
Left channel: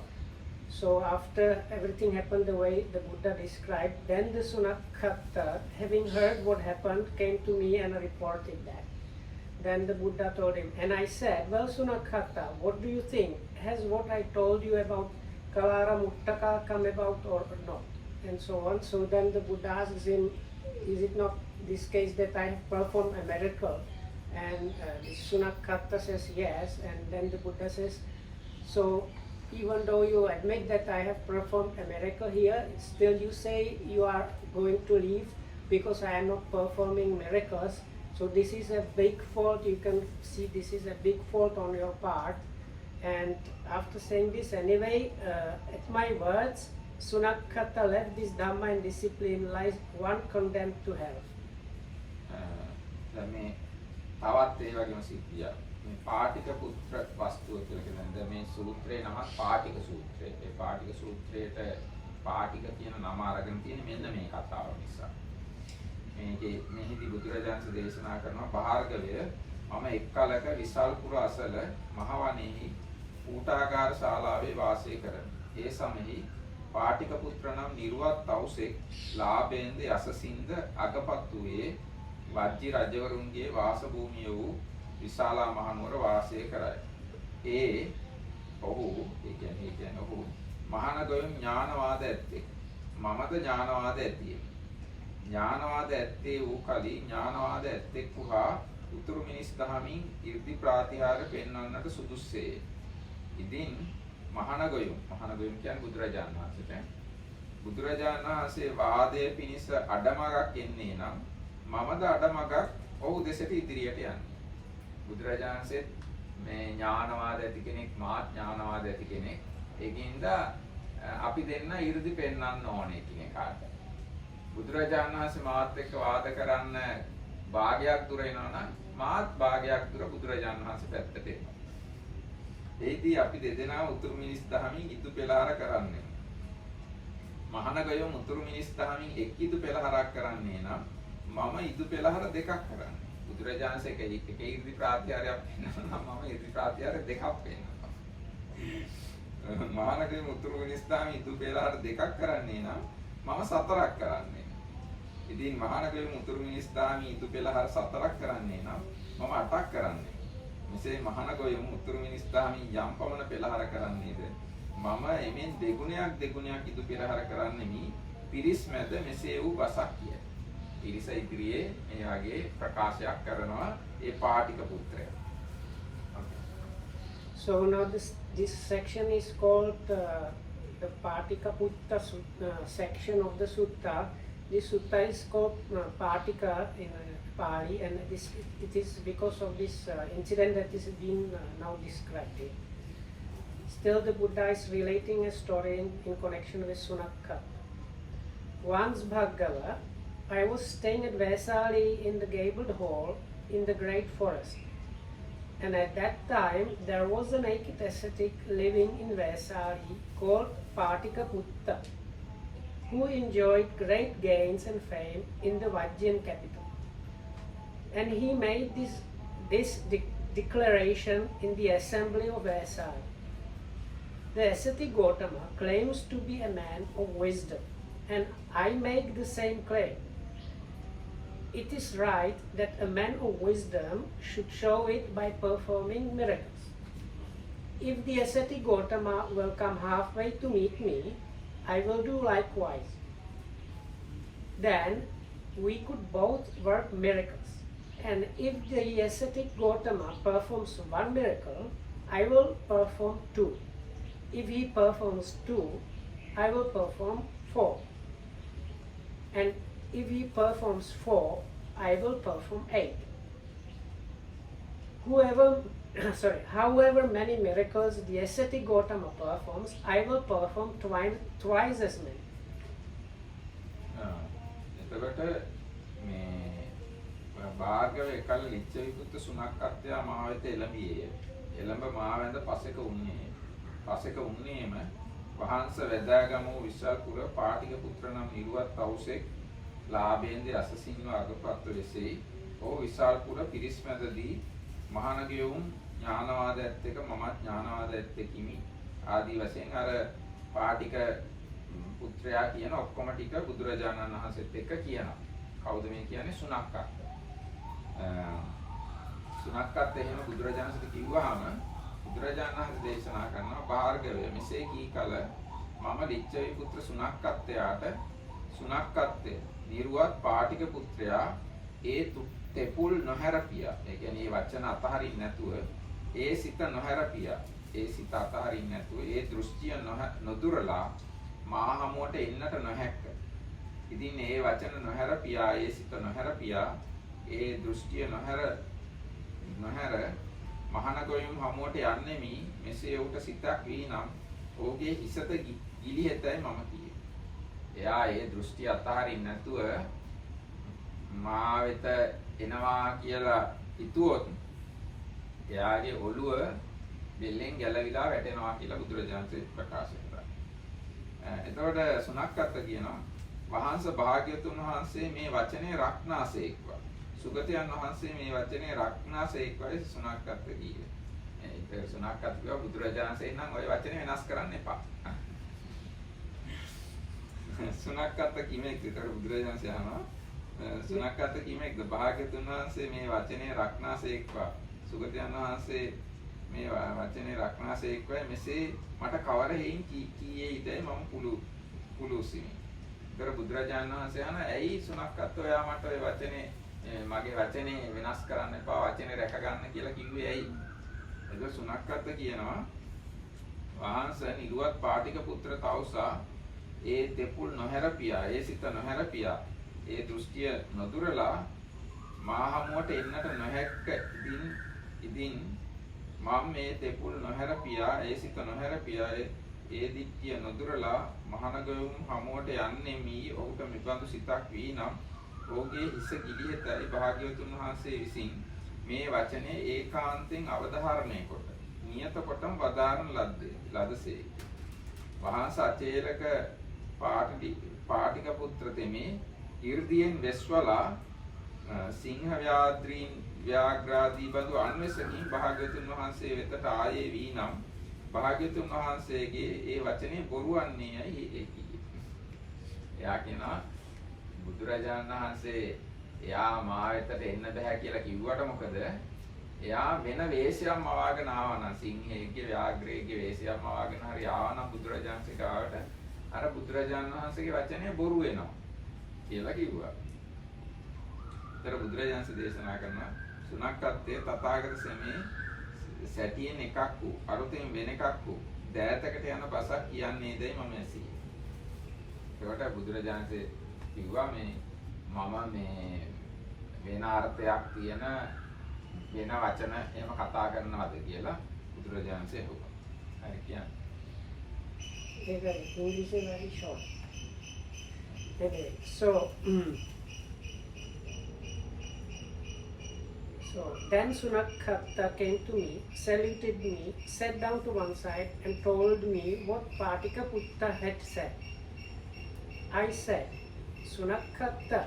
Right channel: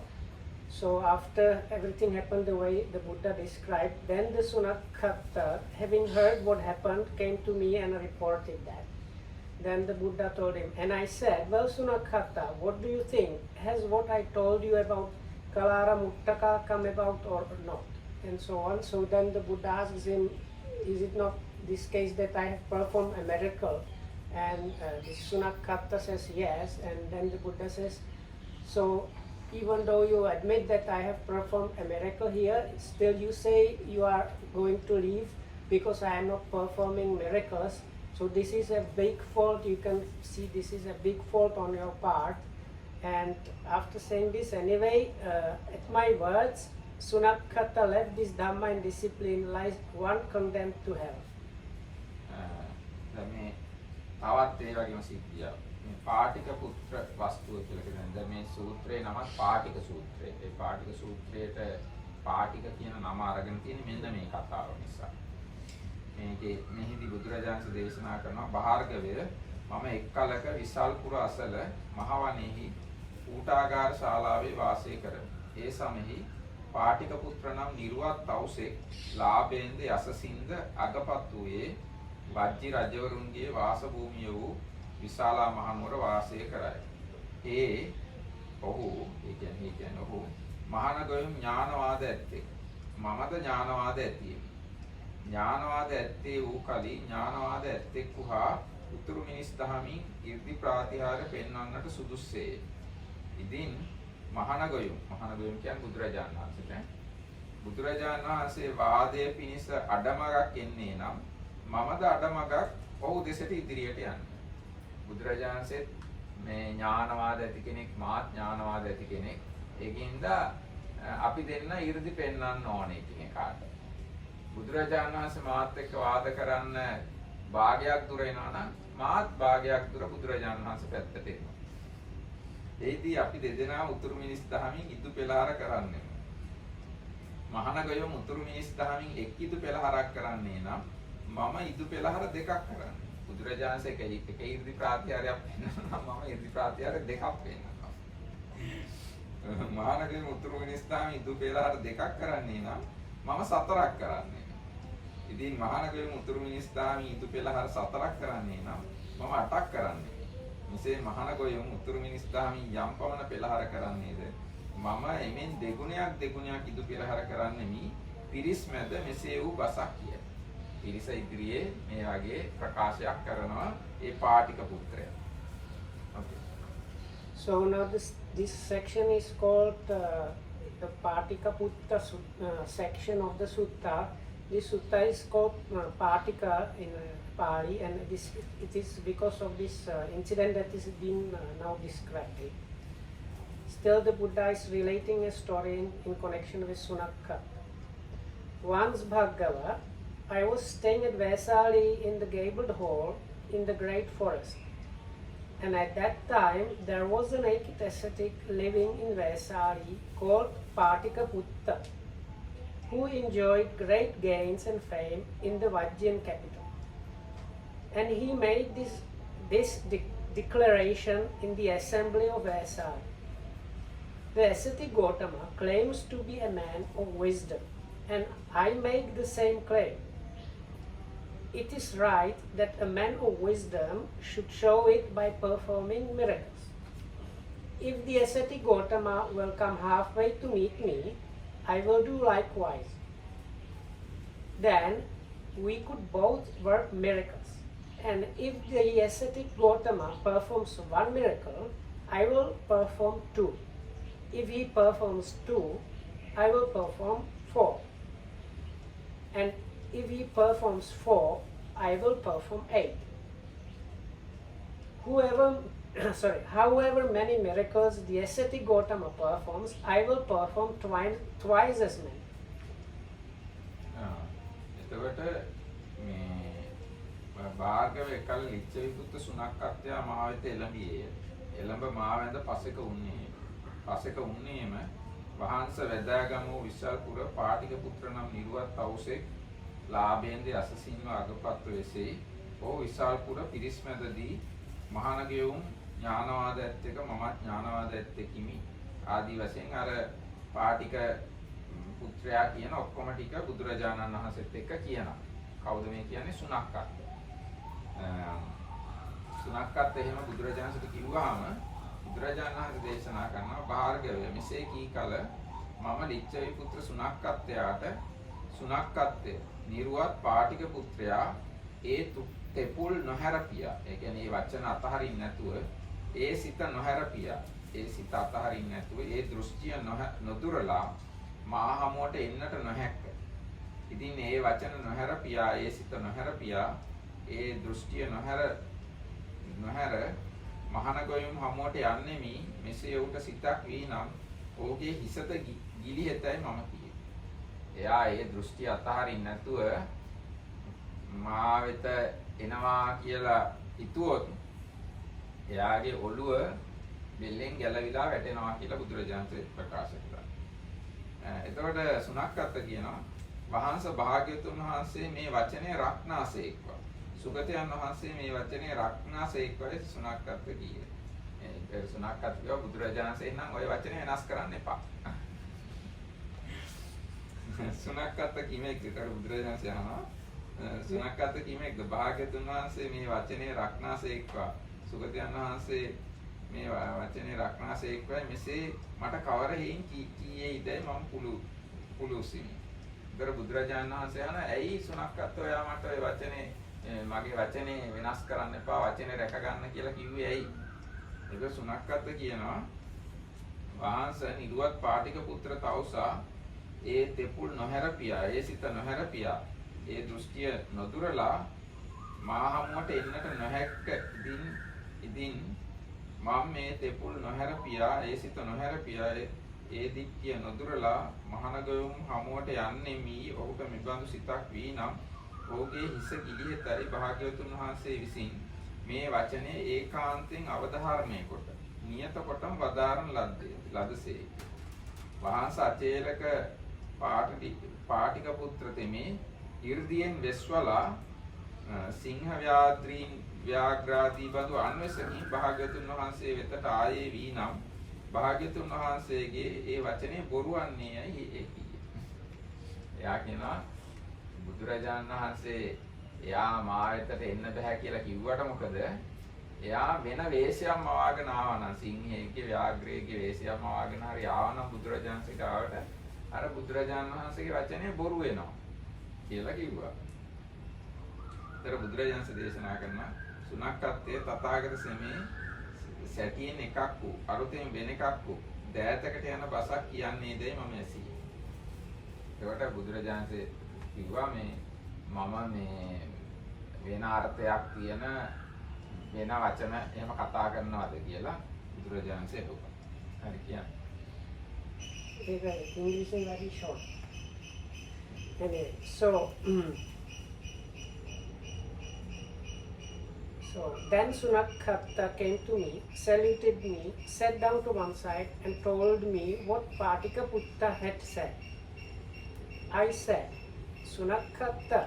So after everything happened the way the Buddha described, then the Sunakkatta, having heard what happened, came to me and reported that. Then the Buddha told him, and I said, well, Sunakkatta, what do you think? Has what I told you about Kalara Muttaka come about or not? And so on. So then the Buddha asks him, is it not this case that I have performed a miracle? And the Sunakkatta says yes. And then the Buddha says, so even though you admit that I have performed a miracle here, still you say you are going to leave because I am not performing miracles. So this is a big fault. You can see this is a big fault on your part. And after saying this, anyway, at my words, Sunakkatta left this Dhamma and discipline lies one condemned to hell. මේ තවත් ඒ වගේම සිද්ධිය. මේ පාටික පුත්‍ර වස්තුව කියලා කියන්නේ මේ සූත්‍රේ නම පාටික සූත්‍රය. ඒ පාටික සූත්‍රයේට පාටික කියන නම අරගෙන තියෙන්නේ මෙන්න මේ කතාව නිසා. මේකේ මෙහිදී බුදුරජාණන් දේශනා කරනවා භාර්ගවය මම එක් කලක විසල්පුර අසල මහවණෙහි ඌටාගාර ශාලාවේ වාසය කරමි. ඒ සමෙහි පාටික පුත්‍ර නම් නිර්වත් තවුසෙක් ලාභෙන්ද යසසින්ද අගපත් වූයේ වජ්ජි රජවරුන්ගේ වාස භූමිය වූ විශාලා මහනුවර වාසය කරයි. ඔහු මහානගොයම් ඥානවාද ඇත්තේ. මමද ඥානවාද ඇතිය. ඥානවාද ඇත්තේ වූ කලී ඥානවාද ඇත්තෙක් වූහා උතුරු මිනිස් දහමින් 이르දි ප්‍රාතිහාර්ය පෙන්වන්නට සුදුස්සේය. ඉදින් මහානගොයම් කියන්නේ බුදුරජාණන් වහන්සේට. බුදුරජාණන් වහන්සේ වාදයේ පිණිස අඩමගක් එන්නේ නම් මමද අඩමගක් ඔහු දෙසට ඉදිරියට යන්නේ. බුදුරජාණන්සේ මේ ඥානවාද ඇති කෙනෙක් මාත් ඥානවාද ඇති කෙනෙක්. ඒකින්ද අපි දෙන්න 이르දි පෙන්වන්න ඕනේ ඉතින් එකාට. බුදුරජාණන් වහන්සේ මාත් එක්ක වාද කරන්න භාගයක් දුර එනවා නම් මාත් භාගයක් දුර බුදුරජාණන් වහන්සේ පැත්තට එනවා. ඒදී අපි දෙදෙනා උතුරු මිනිස් දහමින් ඉදු පෙළහර කරන්නේ. මහානගයම උතුරු මිනිස් දහමින් එක් ඉදු පෙළහරක් කරන්නේ නම් මම ඉදු පෙළහර දෙකක් කරන්නේ. බුදුරජාණන්සේ එක 이르දි ප්‍රාතිහාර්යයක් පෙන්වනවා නම් මම 이르දි ප්‍රාතිහාර්ය දෙකක් පෙන්වනවා. මහානගයම උතුරු මිනිස් දහමින් ඉදු පෙළහර දෙකක් කරන්නේ නම් මම සතරක් කරන්නේ. ඉතින් මහානගයම උතුරු මිනිස් දහමින් ඉදු පෙළහර සතරක් කරන්නේ නම් මම අටක් කරන්නේ. මෙසේ මහානගයම උතුරු මිනිස් දහමින් යම් පමණ පෙළහර කරන්නේද මම එමෙන් දෙගුණයක් ඉදු පෙළහර කරන්නේ මි පිරිස් මැද මෙසේ වූ බසක් කිය. පිරිස ඉදිරියේ මේ වගේ ප්‍රකාශයක් කරනවා ඒ පාටික පුත්‍රයා. Okay. So now this section is called the Patika Putta section of the sutta. This sutta is called Patika in Pali, and it is because of this incident that is being now described here. Still, the Buddha is relating a story in connection with Sunakka. Once, Bhargava, I was staying at Vesali in the gabled hall in the great forest. And at that time, there was a naked ascetic living in Vesali called Patika Putta, who enjoyed great gains and fame in the Vajjian capital. And he made this declaration in the assembly of Vesali. The ascetic Gautama claims to be a man of wisdom, and I make the same claim. It is right that a man of wisdom should show it by performing miracles. If the ascetic Gautama will come halfway to meet me, I will do likewise. Then we could both work miracles. And if the ascetic Gautama performs one miracle, I will perform two. If he performs two, I will perform four. And if he performs four, I will perform 8. However many miracles the ascetic Gautama performs, I will perform twice as many. එතකොට මේ භාර්ගව එකල් ලිච්ඡවිපුත්ත සුනක්කත්වයා මහ වෙත එළඹියේ. එළඹ මා වැඳ පසෙක උන්නේ. පසෙක උන්නේම වහන්ස වැදාගමු විශාලපුර පාටික පුත්‍ර නම් නිරුවත් තවුසෙක් ලාභයෙන්ද අසසින්ව අගපත් වෙසෙයි. ඕ විශාලපුර පිරිස් මැදදී මහානගයුම් ඥානවාද ඇත්තක මමත් ඥානවාද ඇත්තෙකිමි. ආදී වශයෙන් අර පාටික පුත්‍රයා කියන ඔක්කොම ටික බුදුරජාණන් වහන්සේත් එක්ක කියනවා. කවුද මේ කියන්නේ? සුනක්කත්. සුනක්කත් එහෙම බුදුරජාණන්ට කිව්වහම බුදුරජාණන් වහන්සේ දේශනා කරනවා භාර්ගවය මෙසේ කී කල මම ලිච්ඡවි පුත්‍ර සුනක්කත්වයාට සුනක්කත්වය නිරුවත් පාටික පුත්‍රයා ඒ තෙපුල් නොහැරපියා. ඒ කියන්නේ මේ වචන අතහරින්න නැතුව ඒ සිත නොහැරපියා. ඒ සිත අතහරින්න නැතුව ඒ දෘෂ්ටිය නොදුරලා මා හමුවට එන්නට නොහැක්ක. ඉතින් මේ වචන නොහැරපියා, ඒ සිත නොහැරපියා, ඒ දෘෂ්ටිය නොහැර මහානගයුම් හමුවට යන්නෙමි. මෙසේ ඔහුට සිතක් වී නම් ඔහුගේ හිසත ගිලිහෙතයි මම කියේ. එයා ඒ දෘෂ්ටිය අතහරින්න නැතුව මා වෙත එනවා කියලා හිතුවොත් එයාගේ ඔළුව බෙල්ලෙන් ගැලවිලා වැටෙනවා කියලා බුදුරජාණන් ප්‍රකාශ කළා. එතකොට සුනක්කත් කියනවා වහන්ස භාග්‍යතුන් වහන්සේ මේ වචනේ රක්නාසේක්වා. සුගතයන් වහන්සේ මේ වචනේ රක්නාසේක්වායි සුනක්කත් කියේ. ඒ සුනක්කත් කියව බුදුරජාණන්සේ නම් ওই වචනේ වෙනස් කරන්න එපා. සුනක්කත් කිමෙක් විතර බුදුරජාණන්සේ අහනවා සුනක්කත් කිමෙක්ද භාග්‍යතුන් වහන්සේ මේ වචනේ රක්නාසේක්වා. සුගතයන් වහන්සේ මේ වචනේ රක්නාසේක්වායි මෙසේ මට කවර හේයින් කීයේයිදයි මම පුළුසිනි. ඒතර බුදුරජාණන් වහන්සේ අහන ඇයි සුනක්කත් ඔයා මට ඔය වචනේ මගේ වචනේ වෙනස් කරන්න එපා වචනේ රැක ගන්න කියලා කිව්වේ ඇයි? ඒක සුනක්කත් කියනවා වහන්ස නිරුවත් පාටික පුත්‍ර තවුසා ඒ තෙපුල් නොහැරපියා, ඒ සිත නොහැරපියා, ඒ දෘෂ්ටිය නොදුරලා මා හමුවට එන්නට නොහැක්ක. ඉදින් මම මේ තෙපුල් නොහැරපියා, ඒ සිත නොහැරපියා, ඒ දිට්ඨිය නොදුරලා මහානගයුම් හමුවට යන්නෙමි. ඔහුට මෙබඳු සිතක් වී නම් ඔහුගේ හිස ගිලිහෙතයි භාග්‍යවතුන් වහන්සේ විසින් මේ වචනේ ඒකාන්තයෙන් අවධාරණය කොට නියත කොටම වදාරන ලදසේ. වහන්ස අචේලක පාටික පුත්‍ර තෙමේ 이르දියෙන් වෙස්වලා සිංහ ව්‍යාග්‍රාදී බඳු අන්වසමින් භාග්‍යවතුන් වහන්සේ වෙතට ආයේ වී නම් භාග්‍යවතුන් වහන්සේගේ ඒ වචනේ බොරුවන්නේයි ඒ කියේ. එයා කියනවා බුදුරජාණන් වහන්සේ එයා මා වෙතට එන්න බෑ කියලා කිව්වට මොකද? එයා වෙන වේශයක් මවාගෙන ආවා නම් සිංහයේ ව්‍යාග්‍රයේ වේශයක් මවාගෙන හරි ආවා නම් බුදුරජාණන්සේ ගාවට අර බුදුරජාණන් වහන්සේගේ වචනේ බොරු වෙනවා කියලා කිව්වා. තර බුදුරජාණන් දේශනා කරනවා සුනක්කත්තේ තථාගත සෙමේ සැටියෙන් එකක් වූ අරුතෙන් වෙන එකක් වූ දෑතකට යන බසක් කියන්නේ දෙයි මම ඇසී. ඒකට බුදුරජාණන් කිව්වා මේ මම මේ වෙන අර්ථයක් තියෙන වෙන වචන එහෙම කතා කරනවද කියලා බුදුරජාණන් ඇහුවා. හරි කියන්නේ. English is very short. Anyway, so then Sunakhatta came to me, saluted me, sat down to one side and told me what Patikaputta had said. I said, Sunakhatta,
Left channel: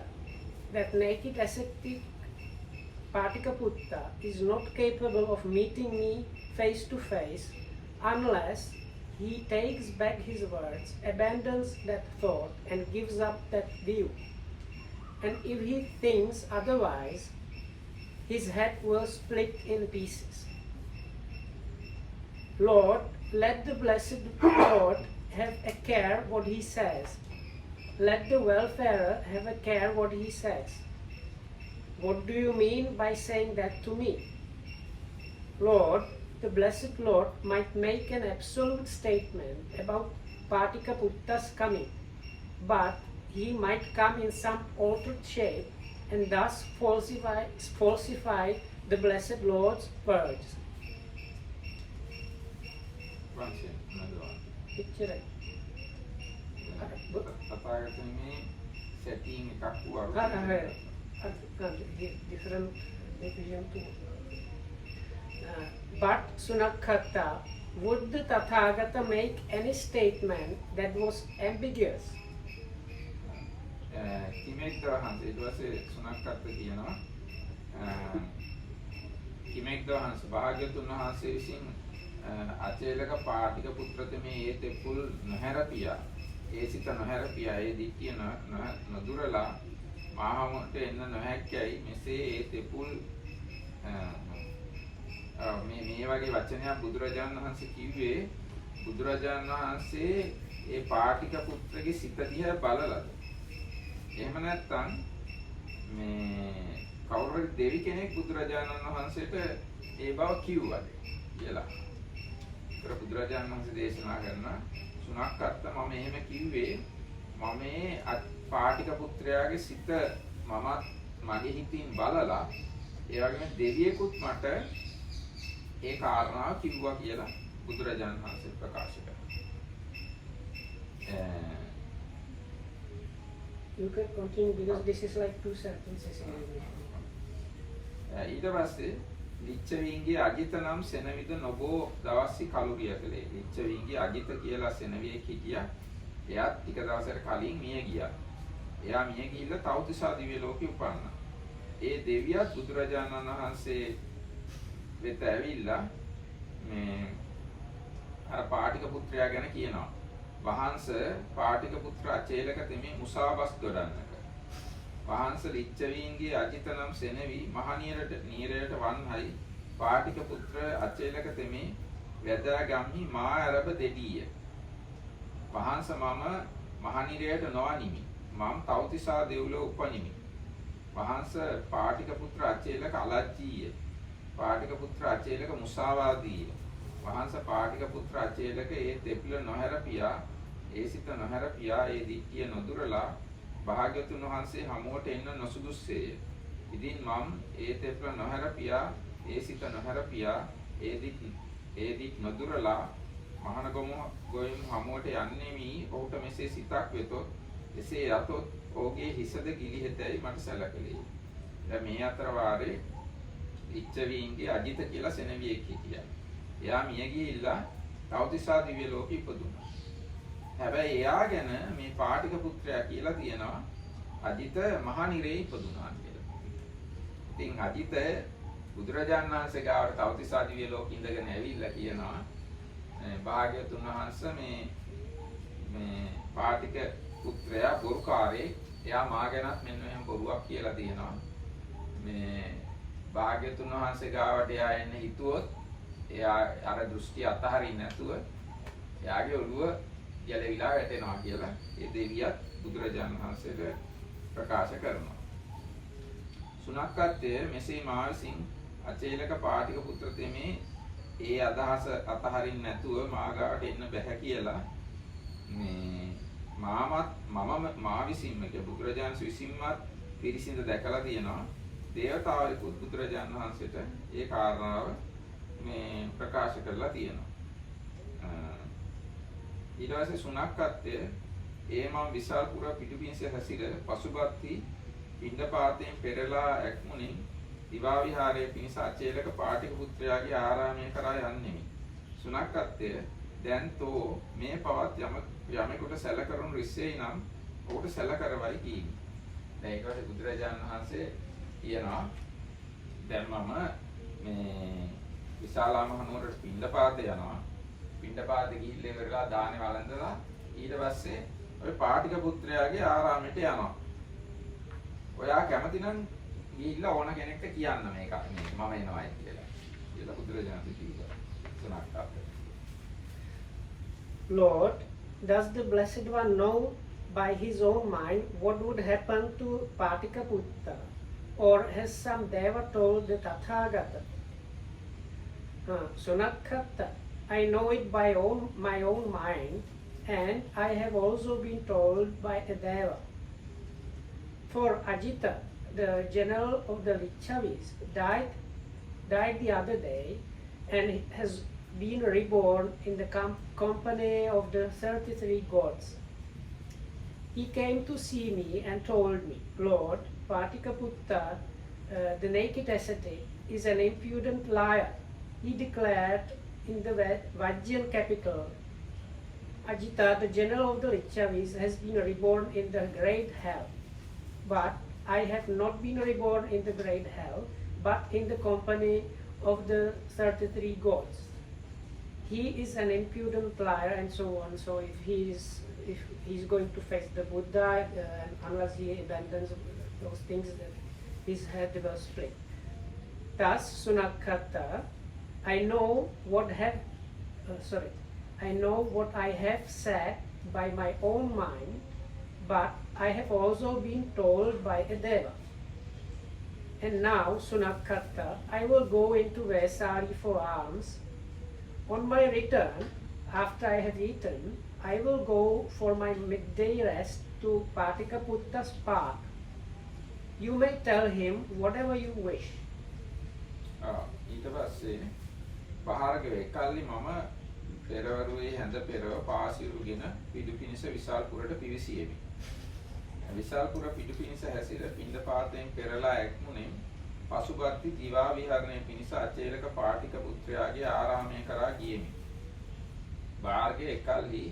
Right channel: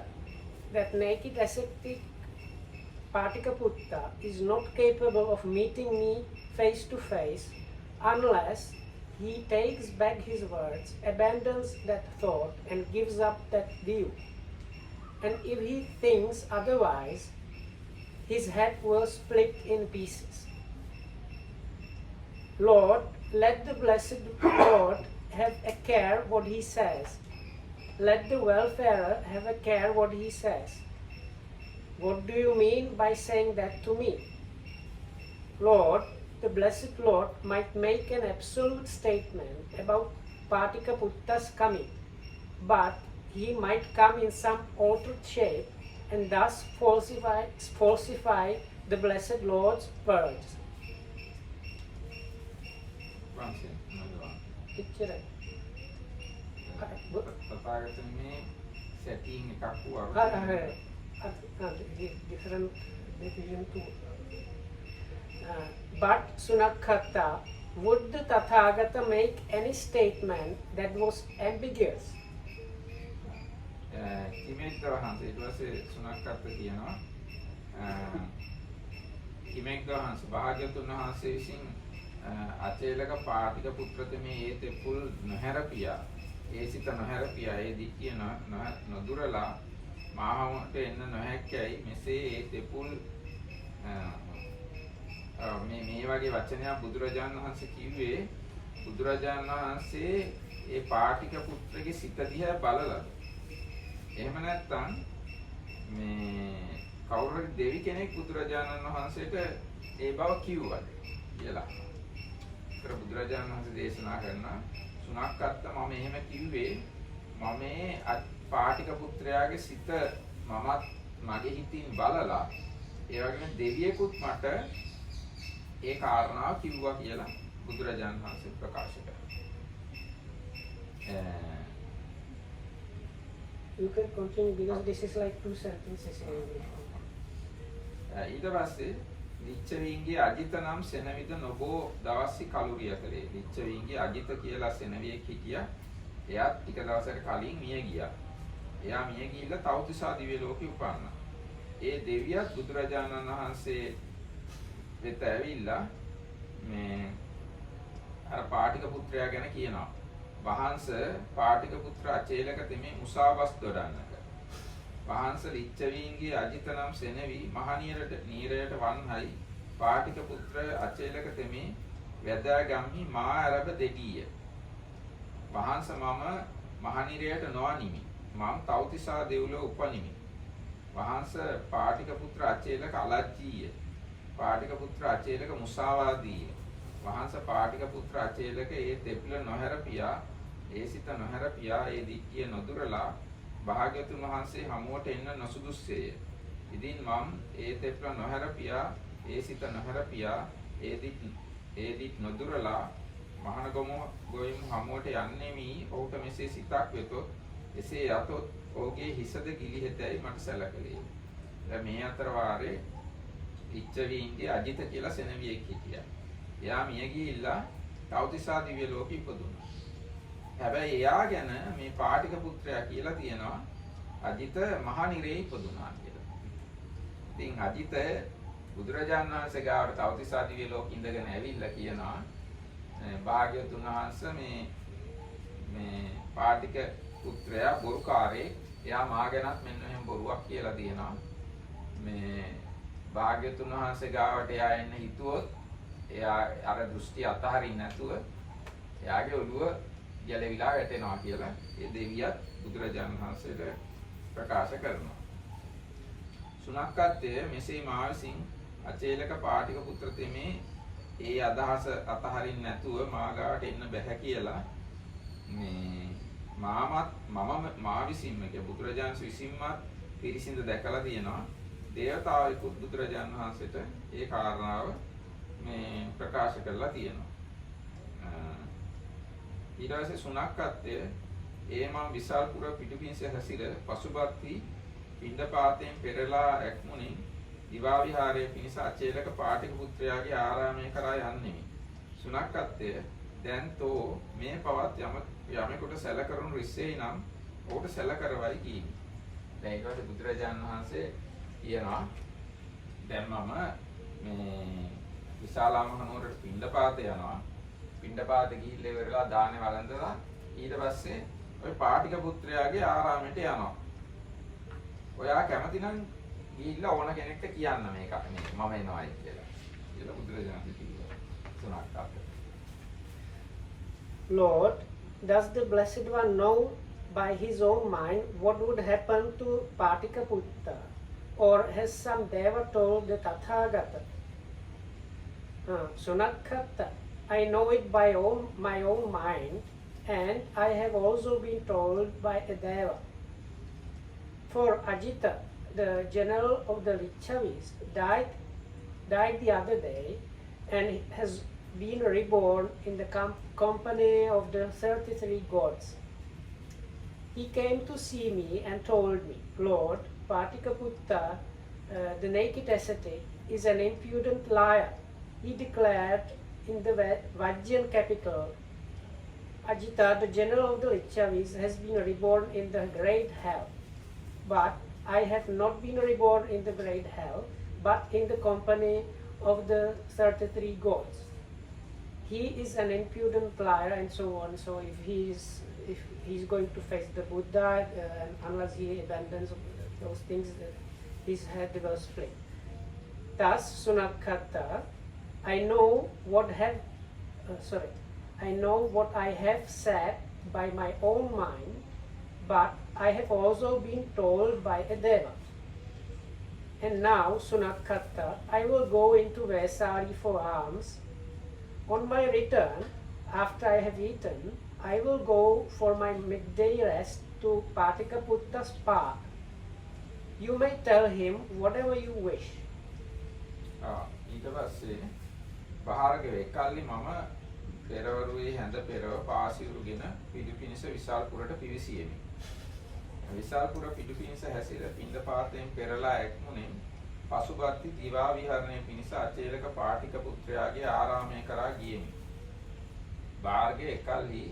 that naked ascetic Patikaputta is not capable of meeting me face to face unless he takes back his words, abandons that thought and gives up that view. And if he thinks otherwise, his head will split in pieces. Lord, let the blessed Lord have a care what he says. Let the welfarer have a care what he says. What do you mean by saying that to me? Lord, the blessed Lord might make an absolute statement about Patikaputta's coming, but he might come in some altered shape and thus falsify the blessed Lord's words. Picture it. Different division too. But Sunakhatta, would the Tathagata make any statement that was ambiguous? කිමෙක්දවහන්ස ඊට පස්සේ සුනක්කත්ත කියනවා කිමෙක්දවහන්ස භාග්‍යවතුන් වහන්සේ විසින් අචේලක පාටික පුත්‍රතමේ ඒ තෙපුල් නොහැරපියා ඒ සිත නොහැරපියා ඒ දික්කිය නොදුරලා මාහමට එන්න නොහැක්කයි මෙසේ ඒ තෙපුල් මේ වගේ වචනයක් බුදුරජාණන් වහන්සේ කිව්වේ බුදුරජාණන් වහන්සේ ඒ පාටික පුත්‍රගේ සිත දිහා බලලාද එහෙම නැත්නම් මේ කවුරු දෙවි කෙනෙක් බුදුරජාණන් වහන්සේට ඒ බව කිව්වද කියලා. ඒතර බුදුරජාණන් වහන්සේ දේශනා කරන සුනක්කත්ත මම එහෙම කිව්වේ මම මේ පාටික පුත්‍රයාගේ සිත මමත් මගේ හිතින් බලලා ඒ වගේම දෙවියෙකුත් මට ඒ කාරණාව කිව්වා කියලා බුදුරජාණන් වහන්සේ ප්‍රකාශ කරනවා. You can continue because this is like two sentences in English. ඊට පස්සේ ලිච්ඡවීන්ගේ අජිත නම් සෙනවිද නොබෝ දවස්සි කලුරිය කලේ ලිච්ඡවීන්ගේ අජිත කියලා සෙනවියෙක් හිටියා. එයාත් ටික දවසකට කලින් මිය ගියා. එයා මිය ගිහිල්ලා තවතිසා දිව්‍ය ලෝකෙ උපන්නා. ඒ දෙවියත් බුදුරජාණන් වහන්සේ වෙත ඇවිල්ලා මේ අර පාටික පුත්‍රයා ගැන කියනවා. වහන්ස පාටික පුත්‍ර අචේලක තෙමේ මුසාවස් දොඩන්නක. වහන්ස ලිච්ඡවීන්ගේ අජිත නම් සෙනවි මහනියරට නීරයට වන්හයි පාටික පුත්‍ර අචේලක තෙමේ වැදා ගම්හි මා අරබ දෙඩිය. වහන්ස මම මහනිරයට නොවනිමි. මම තවතිසා දෙව්ලොව උපනිමි. වහන්ස පාටික පුත්‍ර අචේලක අලජ්ජීය. පාටික පුත්‍ර අචේලක මුසාවාදීය. වහන්ස පාටික පුත්‍ර අචේලක ඒ තෙපිල නොහැරපියා ඒ සිත නොහැරපියා ඒ දික්කිය නොදුරලා භාග්‍යවතුන් වහන්සේ හමුවට එන්න නොසුදුස්සේය. ඉදින් මම් ඒ තෙපිල නොහැරපියා ඒ සිත නොහැරපියා ඒ දික් නොදුරලා මහණ ගොයමු හමුවට යන්නේමි ඔහුට මෙසේ සිතක් වෙතොත් එසේ යතොත් ඔහුගේ හිසද ගිලිහෙතයි මට සැලකෙලේ. දැන් මේ අතර වාරේ ලිච්ඡවීන්ගේ අජිත කියලා සෙනවියෙක් හිටියා. එයා මිය ගිහිල්ලා තවතිසා දිව්‍ය ලෝකෙ ඉපදුණා. හැබැයි එයා ගැන මේ පාටික පුත්‍රයා කියලා තියෙනවා අජිත මහනිරේ ඉපදුණා කියලා. ඉතින් අජිත බුදුරජාණන් වහන්සේ ගාවට තවතිසා දිව්‍ය ලෝකෙ ඉඳගෙන ඇවිල්ලා කියනවා භාග්‍යවතුන් වහන්සේ මේ පාටික පුත්‍රයා බොරුකාරේ එයා මා ගැනත් මෙන්න මෙහෙම බොරුවක් කියලා තියෙනවා. මේ භාග්‍යවතුන් වහන්සේ ගාවට එයා එන්න හිතුවොත් එයා අර දෘෂ්ටි අතහරින්න නැතුව එයාගේ ඔළුව ගැලවිලා වැටෙනවා කියලා ඒ දෙවියත් බුදුරජාණන් වහන්සේට ප්‍රකාශ කරනවා. සුනක්කත්වය මෙසේ මා විසින් අචේලක පාටික පුත්‍ර තෙමේ ඒ අදහස අතහරින්න නැතුව මා ගාවට එන්න බැහැ කියලා මේ මා විසින්ම බුදුරජාණන් විසින්මත් පිරිසිඳ දැකලා තියෙනවා. දේවතාවෙකුත් බුදුරජාණන් වහන්සේට ඒ කාරණාව මේ ප්‍රකාශ කරලා තියෙනවා. ඊට පස්සේ සුනක්කත්වය ඒ මම විසල්පුර පිටුපින්ස හැසිර පසුබත්ති පිණ්ඩපාතයෙන් පෙරලා ඇක්මුණින් දිවා විහාරයේ පිණිස අචේලක පාටික පුත්‍රයාගේ ආරාමයේ කරා යන්නෙමි. සුනක්කත්වය දැන් තෝ මේ පවත් යමෙකුට සැල කරනු රිස්සෙයි නම් ඔහුට සැල කරවයි කීවි. දැන් ඊට පස්සේ බුදුරජාණන් වහන්සේ කියනවා දැන් මම මේ විශාලා මහනුවරට පිණ්ඩපාත යනවා. පිණ්ඩපාත ගිහිල්ලා ඉවරලා දානේ වළඳලා ඊට පස්සේ ඔය පාටික පුත්‍රයාගේ ආරාමයට යනවා. ඔයා කැමති නම් ගිහිල්ලා ඕන කෙනෙක්ට කියන්න මේක මම එනවායි කියලා. ඒක බුදුරජාණන් කිව්වා. සුනක්කත්වය. Lord, does the Blessed One know by his own mind what would happen to Patikaputta? Or has some Deva told the Tathagata? Sunakkatta, I know it by my own mind, and I have also been told by a Deva. For Ajita, the general of the Lichavis, died the other day and has been reborn in the company of the 33 gods. He came to see me and told me, Lord, Patikaputta, the naked ascetic, is an impudent liar. He declared in the Vajjan capital, Ajita, the general of the Lichavis, has been reborn in the great hell. But I have not been reborn in the great hell, but in the company of the 33 gods. He is an impudent liar, and so on. So if he's going to face the Buddha, unless he abandons those things, his head will split. Thus, Sunakkatta, I know what I have said by my own mind, but I have also been told by a Deva. And now, Sunakkatta, I will go into Vesari for alms. On my return, after I have eaten, I will go for my midday rest to Patikaputta's park. You may tell him whatever you wish. ඊට පස්සේ පහරක වෙකල්ලි මම පෙරවරුවේ හැඳ පෙරව පාසිරුගෙන පිටුපිනිස විසල්පුරට පිවිසියෙමි. විසල්පුර පිටුපිනිස හැසිර පිණ්ඩපාතයෙන් පෙරලා ඇක්මුණෙන් පසුබත්ති දිවා විහරණය පිණිස අචේලක පාටික පුත්‍රයාගේ ආරාමය කරා ගියෙමි. බාර්ගේ එකල්හි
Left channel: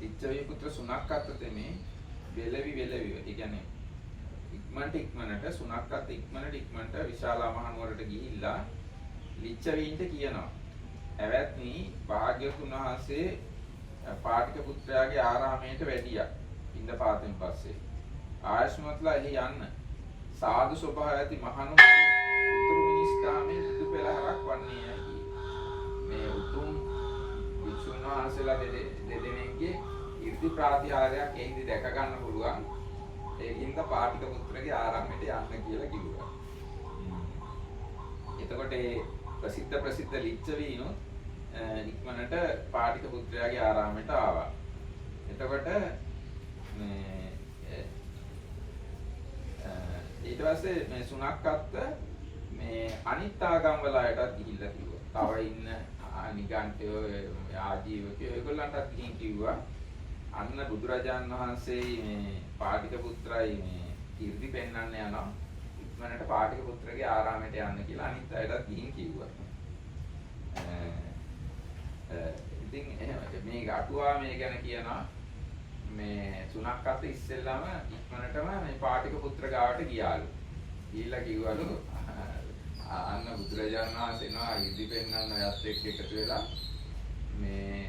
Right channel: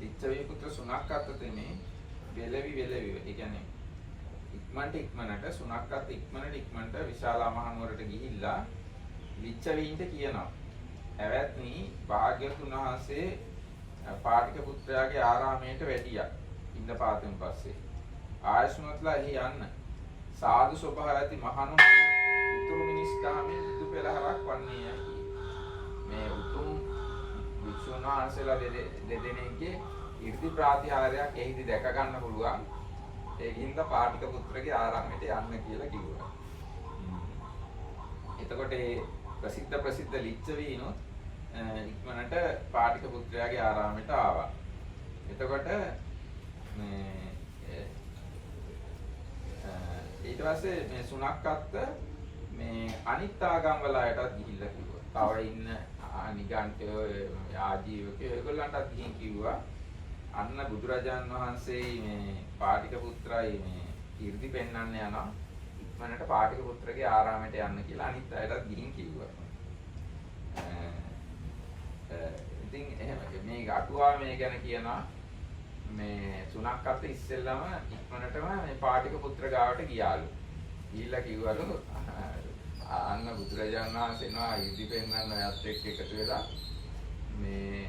ලිච්ඡවී පුත්‍ර සුනක්කත්ත තෙමේ වෙලවි ඒ කියන්නේ ඉක්මනට සුනක්කත් ඉක්මනට විශාලා මහනුවරට ගිහිල්ලා ලිච්ඡවීන්ට කියනවා. ඇවැත්නි භාග්‍යවතුන් වහන්සේ පාටික පුත්‍රයාගේ ආරාමයට වැඩියා. පිණ්ඩපාතෙන් පස්සේ ආයස්මත්ලා එහි යන්න සාදු ස්වභාවය ඇති මහණු උතුරු මිනිස් දහමෙන් යුතු පෙළහරක් වන්නේයයි. මේ උතුම් වික්ෂුන් වහන්සේලා දෙදෙනෙක්ගේ 이르දි ප්‍රාතිහාර්යයක් එහිදී දැක ගන්න පුළුවන්. ඒකින්ද පාටික පුත්‍රගේ ආරාමයට යන්න කියලා කිව්වා. එතකොට ඒ ප්‍රසිද්ධ ලිච්ඡවීනොත් ඉක්මනට පාටික පුත්‍රයාගේ ආරාමයට ආවා. එතකොට ඊට පස්සේ මේ සුනක්කත්ත මේ අනිත් ආගම් වල අයටත් ගිහිල්ලා කිව්වා. තව ඉන්න නිගණ්ඨයෝ ආජීවකයෝ ඒගොල්ලන්ටත් ගිහින් කිව්වා අන්න බුදුරජාණන් වහන්සේ මේ පාටික පුත්‍රයි මේ 이르දි පෙන්වන්න යනවා. ඉක්මනට පාටික පුත්‍රගේ ආරාමයට යන්න කියලා අනිත් අයටත් ගිහින් කිව්වා. ඉතින් එහෙම මේ අටුවා මේ ගැන කියනවා මේ සුනක්කත් ඉස්සෙල්ලාම ඉක්මනටම මේ පාටික පුත්‍ර ගාවට ගියාලු. ගිහිල්ලා කිව්වලු අන්න බුදුරජාණන් වහන්සේ එනවා ඉදි පෙන්නන්න යත් එක්ක එකතු වෙලා මේ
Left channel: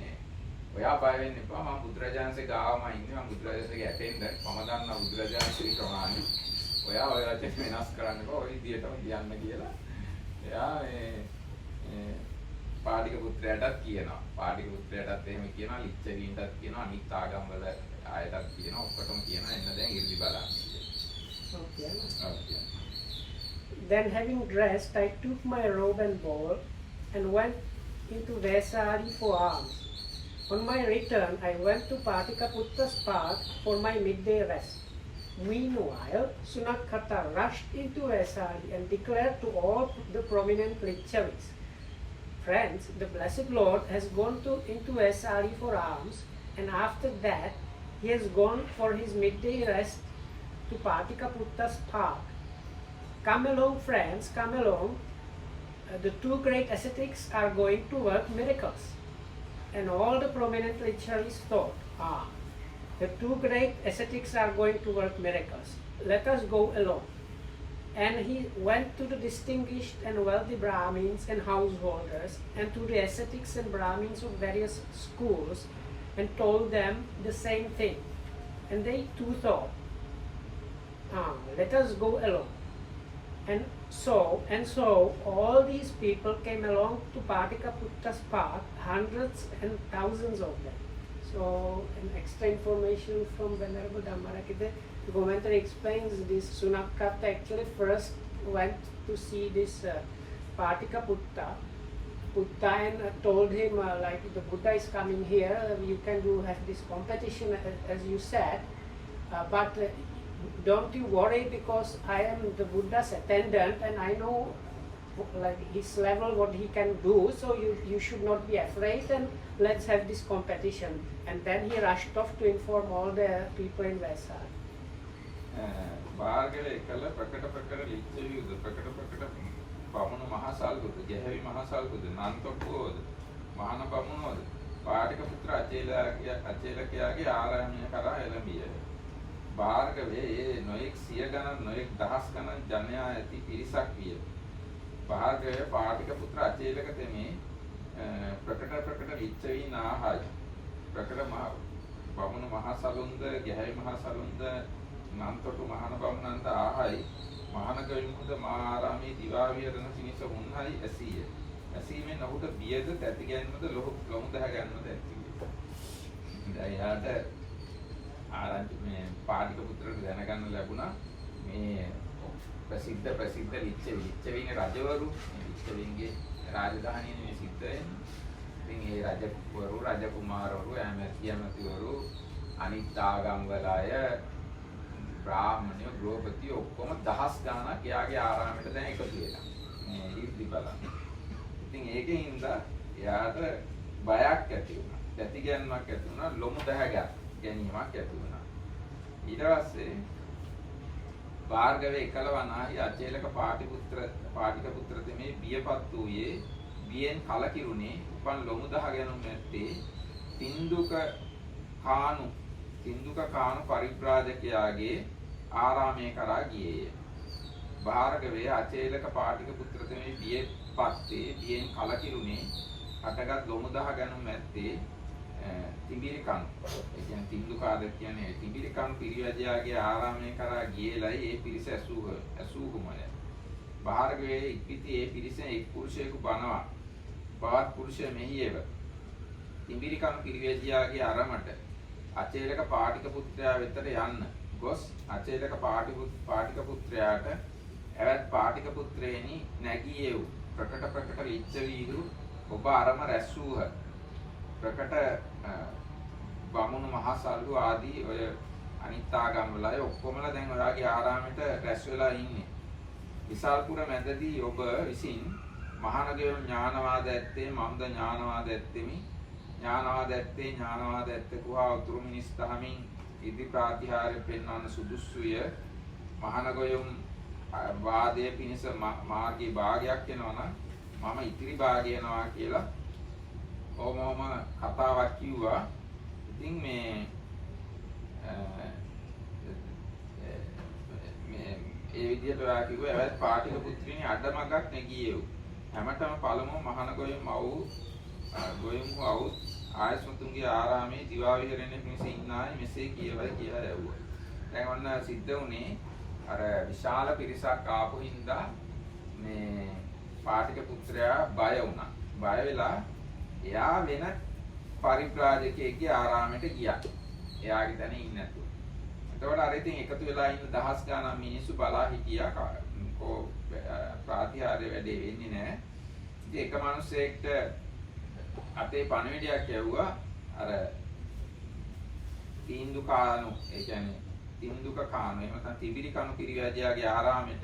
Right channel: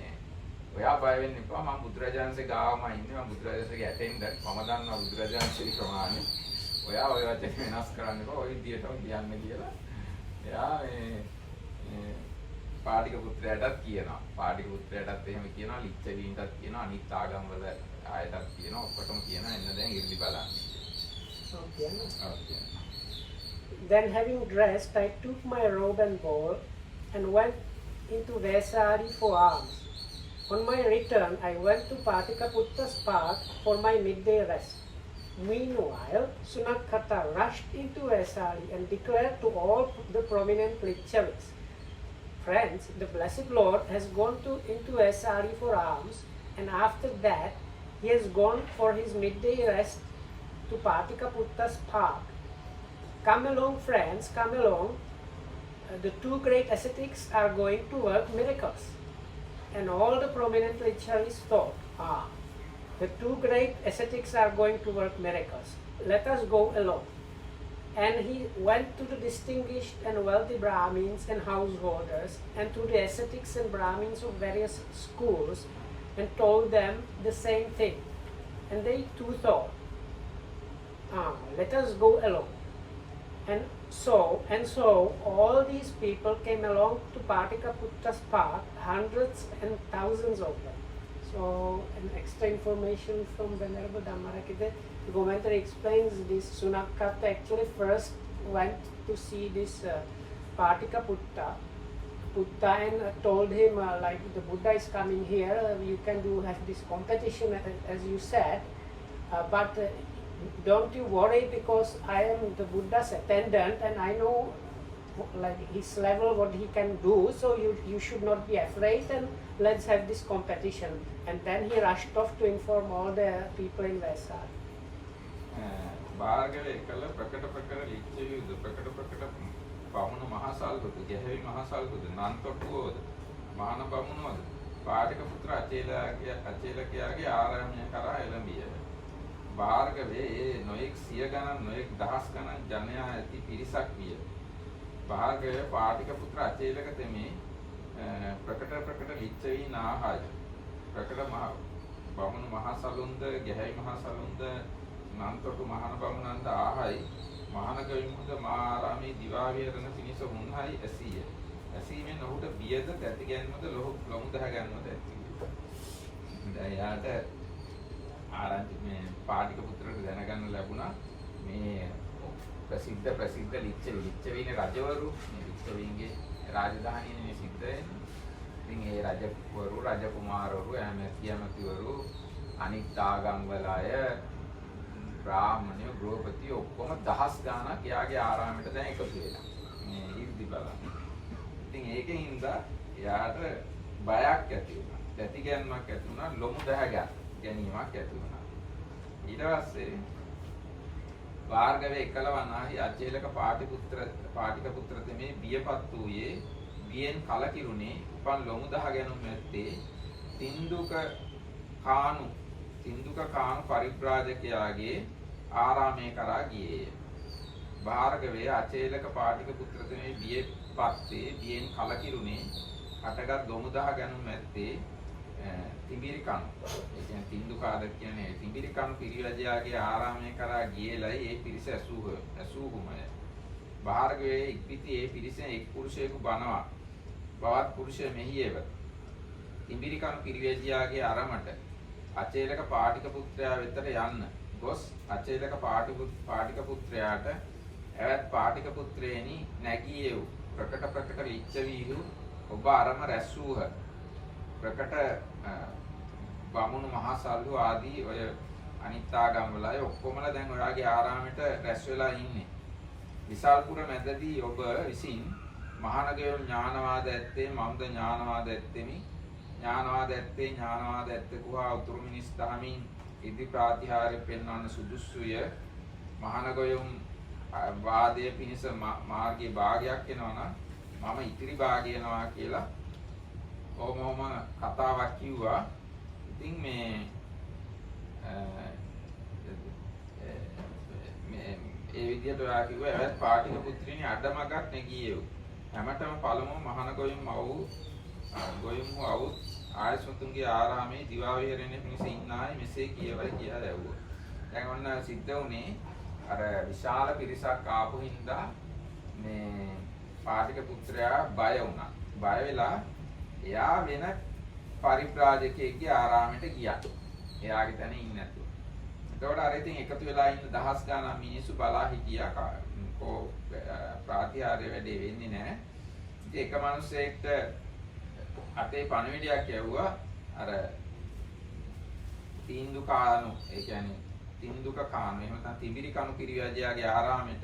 ඔයා බය වෙන්න එපා මම බුදුරජාණන්සේ ගාවම ඉන්නේ මම බුදුරජාණන්සේගේ ඇටෙන්ඩන්ට් මම දන්නවා බුදුරජාණන්සේ ප්‍රමාණය. ඔයා ඔය වචන වෙනස් කරන්න එපා ඔය විදියටම කියන්න කියලා. එයා පාටික පුත්‍රයාටත් කියනවා. පාටික පුත්‍රයාටත් එහෙම කියනවා ලිච්ඡවීන්ටත් කියනවා අනිත් ආගම් වල ආයතත් කියනවා ඔක්කොටම කියනවා එන්න දැන් 이르දි බලන්න. Okay. Then having dressed, I took my robe and bowl and went into Vesari for alms. On my return, I went to Patikaputta's path for my midday rest. Meanwhile, Sunakata rushed into Vesali and declared to all the prominent Lichavis, "Friends, the Blessed Lord has gone into Vesali for alms, and after that, he has gone for his midday rest to Patikaputta's path. Come along, friends, come along. The two great ascetics are going to work miracles." And all the prominent Lichavis thought, the two great ascetics are going to work miracles. Let us go along. And he went to the distinguished and wealthy Brahmins and householders and to the ascetics and Brahmins of various schools and told them the same thing. And they too thought, let us go along. And so all these people came along to Patikaputta's path, hundreds and thousands of them. So an extra information from Venerable Dhammarakita. The commentary explains this. Sunakata actually first went to see this Patikaputta and told him like the Buddha is coming here, you can have this competition as you said, but don't you worry because I am the Buddha's attendant and I know like his level what he can do, so you should not be afraid and let's have this competition. And then he rushed off to inform all the people in Vesali. බාර්ගල එකල ප්‍රකට ලිච්ඡවිද ප්‍රකට බමුණු මහසල්බුද ගැහැවි මහසල්බුද නන්තපුවද මහාන බමුණෝද පාටික පුත්‍ර අචේලකයාගේ ආරාමය කරා එළඹිය. බාර්ගවේ නොයෙක් සිය ගණන් නොයෙක් දහස් ගණන් ජනයා ඇති පිරිසක් විය. බාර්ගවේ පාටික පුත්‍ර අචේලක තෙමේ ප්‍රකට ලිච්ඡවීන් ආහාය. ප්‍රකට බමුණු මහසලුන්ද ගැහැවි මහසලුන්ද නන්තොටු මහාන බමුණන්ද ආහායි මහාන ගවිමුද මාරාමේ දිවා විහරණ පිණිස වුන්හයි ඇසීය. ඇසීමෙන් ඔහුට බියද තැති ගැන්මද ලොමු දහ ගන්නද ඇති. දැන් යාට ආරංචි මේ පාටික පුත්‍රට දැනගන්න ලැබුණා මේ ප්‍රසිද්ධ ලිච්ඡවීනේ රජවරු මේ ලිච්ඡවීන්ගේ රාජධානියේ සිද්ධ වෙන්නේ. ඉතින් ඒ රජවරු රජකුමාරවරු ඇමතිවරු අනිත් ආගම්වල අය බ්‍රාහ්මණයෝ ගෘහපති ඔක්කොම දහස් ගාණක් එයාගේ ආරාමයට දැන් එකතු වෙලා මේ ඉර්ධි බලන්න. ඉතින් ඒකෙන් ඉඳලා එයාට බයක් ඇති වුණා. දැති ගැන්මක් ඇති වුණා, ලොමු දහ ගැනීමක් ඇති වුණා. ඊට පස්සේ භාර්ගවේ එකලවනාහි අචේලක පාටික පුත්‍ර තෙමේ බියපත් වූයේ බියෙන් කලකිරුණේ උපන් ලොමු දහ ගැනුම් ඇත්තේ තින්දුක කානු පරිබ්‍රාජකයාගේ ආරාමය කරා ගියේය. භාර්ගවේ අචේලක පාටික පුත්‍ර තෙමේ බියෙන් කලකිරුණේ අටගත් ලොමු දහ ගැනුම් ඇත්තේ තිඹිරි කණු. ඒ කියන්නේ තින්දුකාද කියන්නේ තිඹිරි කණු පිරිවැජයාගේ ආරාමය කරා ගියේලයි ඒ පිරිස ඇසූහුමය. භාර්ගවේ ඉක්පිති ඒ පිරිසෙන් එක් පුරුෂයෙකු බනවා. බවත් පුරුෂය මෙහියව. තිඹිරි කණු පිරිවැජයාගේ අරමට අචේලක පාටික පුත්‍රයා වෙතට යන්න ගොස් අචේලක පාටික පුත්‍රයාට එවත් පාටික පුත්‍රයනි නැගී එව් ප්‍රකට ලිච්ඡවීහු ඔබ අරම රැස් වූහ. ප්‍රකට බමුණු මහසල්ලු ආදී ඔය අනිත් ආගම් වල අය ඔක්කොමලා දැන් ඔයාගේ ආරාමෙට රැස් වෙලා ඉන්නේ. විසල්පුර මැදදී ඔබ විසින් මහානගයෝ ඥානවාද ඇත්තේ මම්ද ඥානවාද ඇත්තෙමි. ඥානවාද ඇත්තකුවා උතුරු මිනිස් දහමින් ඉදි ප්‍රාතිහාර්ය පෙන්වන්න සුදුසුය. මහානගයුම් වාදයේ පිණිස මාර්ගයේ භාගයක් වෙනවා නම් මම ඉතිරි භාගය වෙනවා කියලා ඕමම කතාවක් කිව්වා. ඉතින් මේ ඒ විදිහට ඔයා කිව්වා එවත් පාටික පුත්‍රිනි අඩමගක් නැගියේව්. හැමතෙම පළමුව මහාන ගොයුම් අවුත් ආයසුතුන්ගේ ආරාමේ දිවා විහරණය පිණිස ඉන්නායි මෙසේ කියවයි කියලා ඇහුවා. දැන් ඔන්න සිද්ධ වුණේ අර විශාල පිරිසක් ආපු හින්දා මේ පාටික පුත්‍රයා බය වුණා. බය වෙලා එයා වෙන පරිබ්‍රාජකයෙක්ගේ ආරාමයට ගියා. එයාගේ තැන ඉන්නේ නැතුව. එතකොට අර ඉතින් එකතු වෙලා ඉන්න දහස් ගණන් මිනිස්සු බලා හිටියා ප්‍රාතිහාර්ය වැඩේ වෙන්නේ නැහැ. ඉතින් එක මිනිස්සෙක්ට අතේ පණිවිඩයක් යවුවා අර තීන්දුව කානු, ඒ කියන්නේ තින්දුක කානු, එහෙම නැත්නම් තිබිරි කණු කිරිවැජයාගේ ආරාමෙට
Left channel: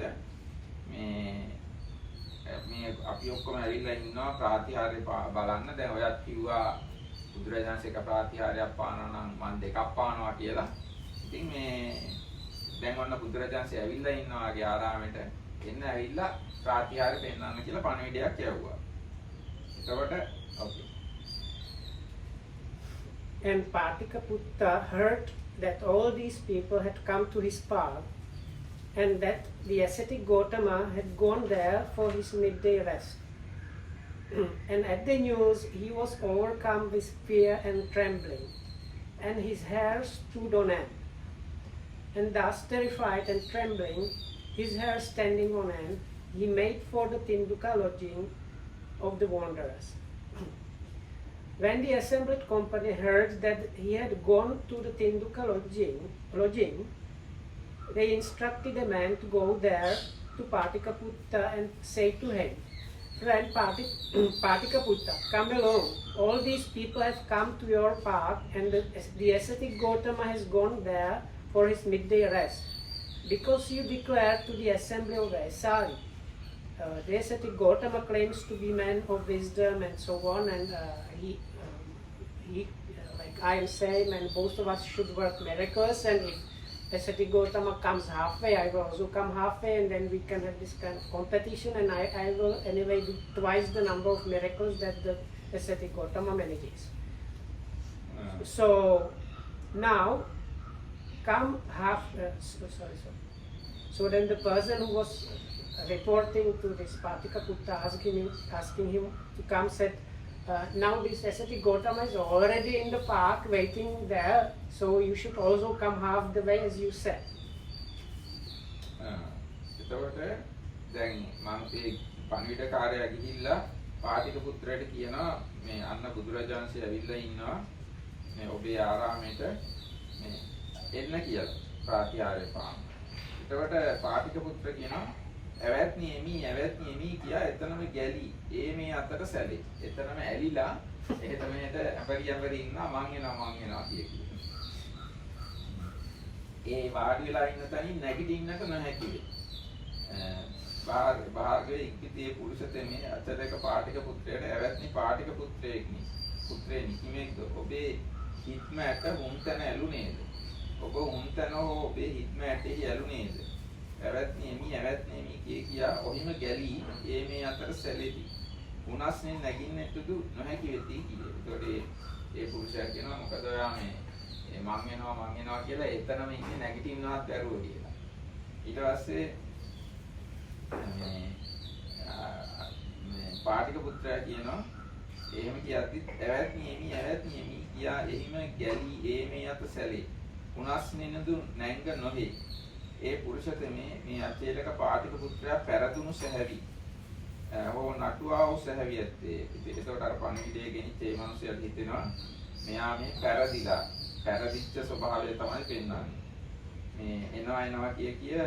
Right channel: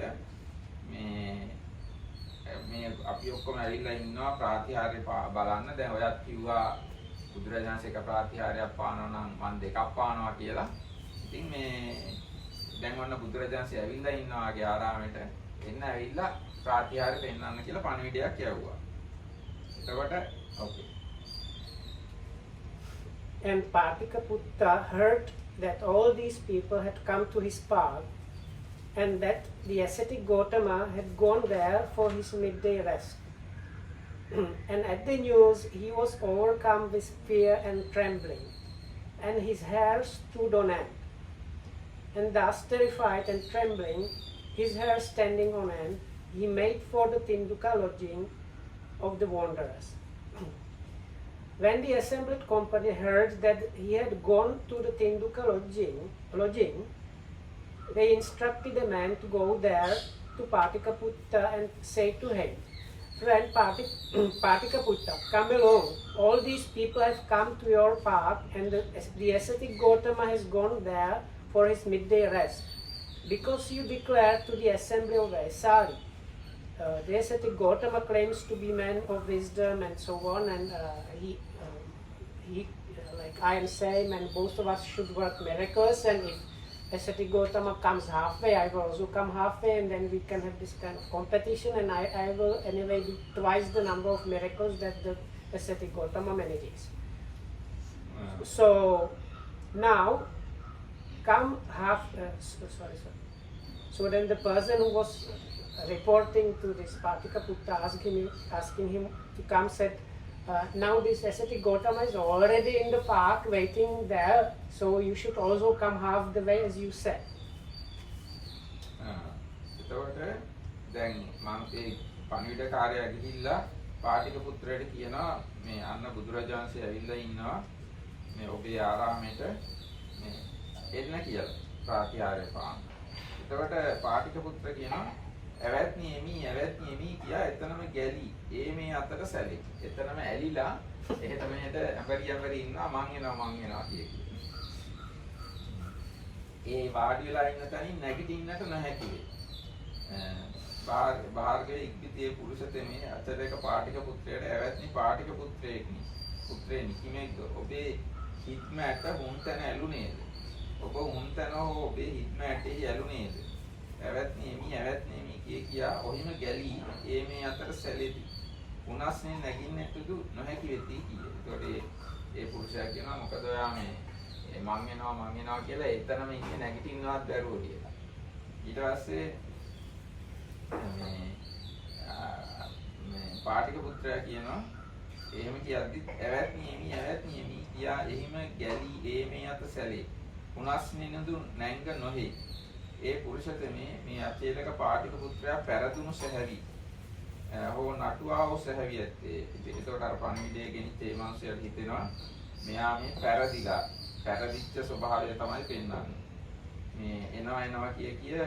මේ අපි ඔක්කොම ඇවිල්ලා ඉන්නවා ප්‍රාතිහාර්ය බලන්න. දැන් ඔයත් කිව්වා බුදුරජාණන් එක ප්‍රාතිහාර්යයක් පානවා නම් මම දෙකක් පානවා කියලා. ඉතින් මේ දැන් ඔන්න බුදුරජාණන් ඇවිල්ලා ඉන්නවාගේ ආරාමෙට එන්න ඇවිල්ලා ප්‍රාතිහාර්ය පෙන්වන්න කියලා පණිවිඩයක් යවුවා. එතකොට okay. And Patikaputta heard that all these people had come to his path and that the ascetic Gotama had gone there for his midday rest. And at the news he was overcome with fear and trembling, and his hair stood on end. And thus terrified and trembling, his hair standing on end, he made for the Tinduka lodging of the wanderers. When the assembled company heard that he had gone to the Tinduka lodging, they instructed a man to go there to Patikaputta and say to him, "Friend Patikaputta, come along. All these people have come to your path, and the ascetic Gotama has gone there for his midday rest. Because you declared to the assembly of Vaisali, the ascetic Gotama claims to be man of wisdom and so on, and he like I am saying, and both of us should work miracles, and if ascetic Gotama comes halfway, I will also come halfway, and then we can have this kind of competition, and I will anyway do twice the number of miracles that the ascetic Gotama manages. So now come sorry. So then the person who was reporting to this Patikaputta asking him to come said, now this ascetic Gotama is already in the park waiting there, so you should also come half the way as you said. එතකොට දැන් මම ඒ පණිවිඩකාරයා ගිහිල්ලා පාටිකපුත්‍රයාට කියනවා මේ අන්න බුදුරජාණන්සේ ඇවිල්ලා ඉන්නවා මේ ඔබේ ආරාමයට මේ එන්න කියලා ප්‍රාතිහාර්ය පාන. එතකොට පාටිකපුත්‍ර කියනවා ඇවැත්නි එමි කියා එතනම ගැලි ඒ මේ අතට සැලේ. එතනම ඇලිලා එහෙට මෙහෙට අපරියම්වරි ඉන්නවා මං එනවා කිය. ඒ වාඩි වෙලා ඉන්න තැනින් නැගිටින්නට නොහැකි වේ. භාර්ගව ඉක්පිතියේ පුරුෂතෙමේ අතරේක පාටිකපුත්‍රයාට ඇවැත්නි පාටිකපුත්‍රයෙක්නි පුත්‍රයෙනි කිමෙක්ද ඔබේ හිත්ම ඇට හුන්තන ඇලුනේද? ඔබ හුන්තන ඔබේ හිත්ම ඇටෙහි ඇලුනේද? ඇවැත්නි එමි කියා ඔහිම ගැලී ඒ මේ අතර සැලෙති. උනස්නේ නැගින්නටදු නොහැකි වෙති කියේ. ඒතකොට ඒ පුරුෂයා කියනවා මොකද ඔයා මේ මං එනවා කියලා එතනම ඉන්නේ නැගිටින්නවත් බැරුව කියලා. ඊට පස්සේ මේ පාටිකපුත්‍රයා කියනවා එහෙම කියද්දි ඇවැත්නි එමි කියා එහිම ගැලී ඒ මේ අත සැලේ. උනස්නේ නදු නැංග නොහේ. ඒ පුරුෂතමේ මේ අචේලක පාටිකපුත්‍රයා පැරදුණු සැහැවි හෝ නටුවා වූ සැහැවි ඇත්තේ. ඒකට අර පණිවිඩය ගෙනිච්ච ඒ මිනිහයාට හිතෙනවා මෙයා මේ පැරදිච්ච ස්වභාවය තමයි පෙන්වන්නේ. මේ එනවා කිය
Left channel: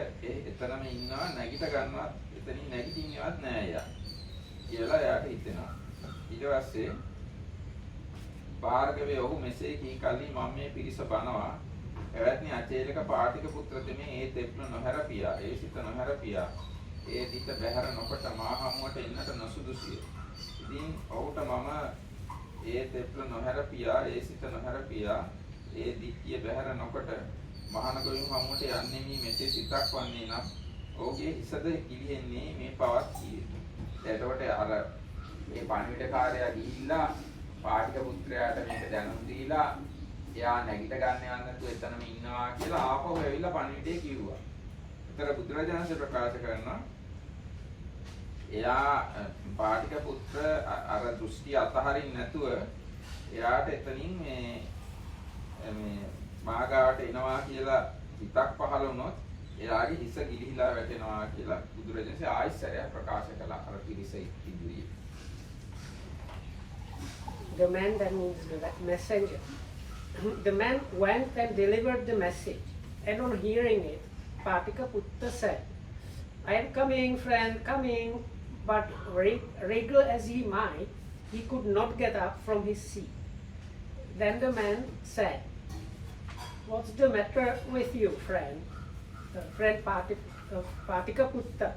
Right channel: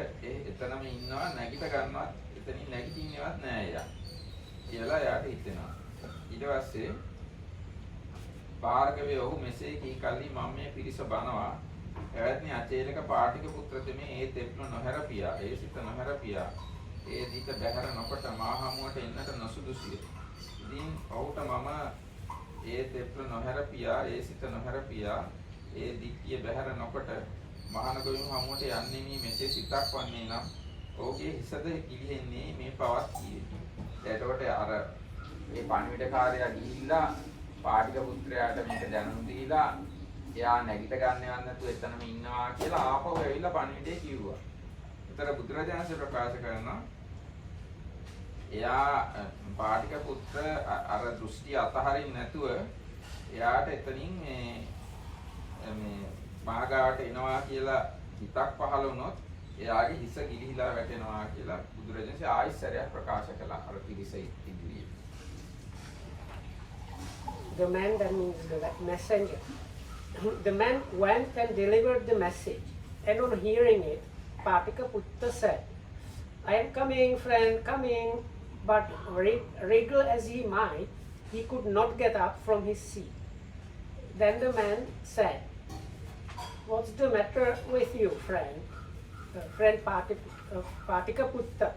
එතනම ඉන්නවා නැගිට ගන්නවත් එතනින් නැගිටින්නවත් නෑ යා කියලා එයාට හිතෙනවා. ඊට පස්සේ භාර්ගවයේ ඔහු මෙසේ කී කල්හි මම මේ පිරිස බනවා එවැත්නි අචේලක පාටිකපුත්‍රතමේ ඒ තෙප්න නොහැරපියා ඒ සිත නොහැරපියා ඒ දිත බැහැර නොකොට මා හමුවට එන්නට නොසුදුසුය. ඉතින් ඔහුට මම ඒ තෙප්න නොහැරපියා ඒ සිත නොහැරපියා ඒ දික්කිය බැහැර නොකොට මහානගොයු හමුවට යන්නේ මේ මෙසේ සිතක් වන්නේ නම් ඔහුගේ හිසද කිලිහෙන්නේ මේ පවත් කියේ. එතකොට අර මේ පණිවිඩකාරයා ගිහිල්ලා පාටිකපුත්‍රයාට මේක දැනුම් දීලා එයා නැගිට ගන්න යන්න නැතුව එතනම ඉන්නවා කියලා ආපහු ඇවිල්ලා පණිවිඩය කිව්වා. ඒතර බුදුරජාණන් ප්‍රකාශ කරනවා එයා පාටිකපුත්‍ර අර දෘෂ්ටි අතහරින්න නැතුව එයාට එතනින් මේ මාගාවට එනවා කියලා හිතක් පහළ වුණොත් එයාගේ හිස ගිලිහිලා වැටෙනවා කියලා බුදුරජාණන් ආයිසරයක් ප්‍රකාශ කළා අර පිරිස ඉදිරියේ. The man, that means the messenger. The man went and delivered the message, and on hearing it, Patikaputta said, I am coming, friend, coming. But wriggle as he might, he could not get up from his seat. Then the man said, "What's the matter with you, friend? Friend Patikaputta,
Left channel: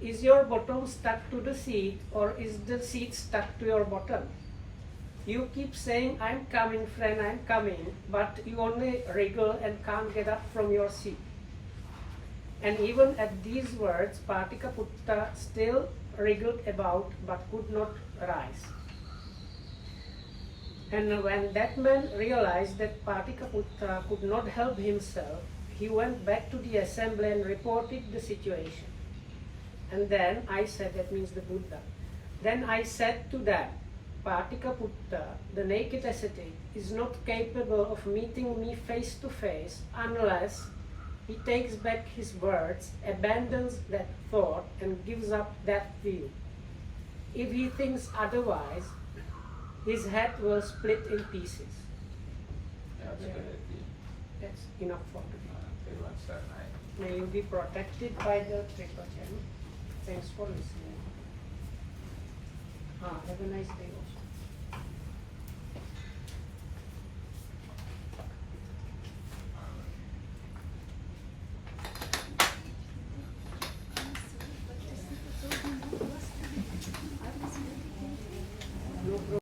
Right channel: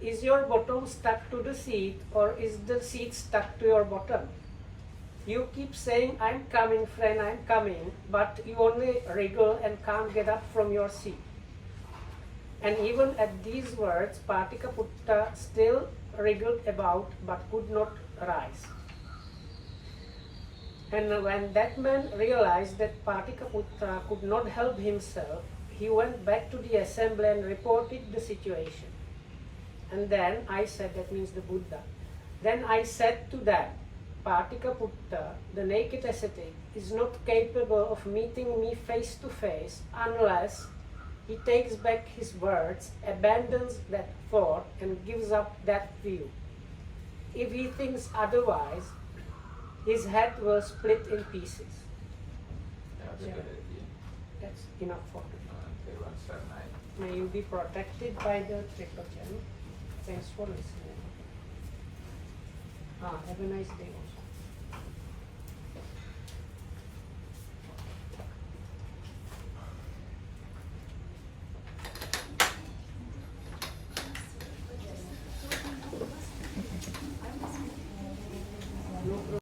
is your bottom stuck to the seat, or is the seat stuck to your bottom? You keep saying, 'I'm coming, friend, I'm coming,' but you only wriggle and can't get up from your seat." And even at these words, Patikaputta still wriggled about but could not rise. And when that man realized that Patikaputta could not help himself, he went back to the assembly and reported the situation. And then I said, that means the Buddha, then I said to them, "Patikaputta, the naked ascetic, is not capable of meeting me face to face unless he takes back his words, abandons that thought, and gives up that view. If he thinks otherwise, his head will split in pieces." That's a good idea. That's enough for today. Everyone start night. May you be protected by the triple gem. Thanks for listening. Have a nice day also. No problem.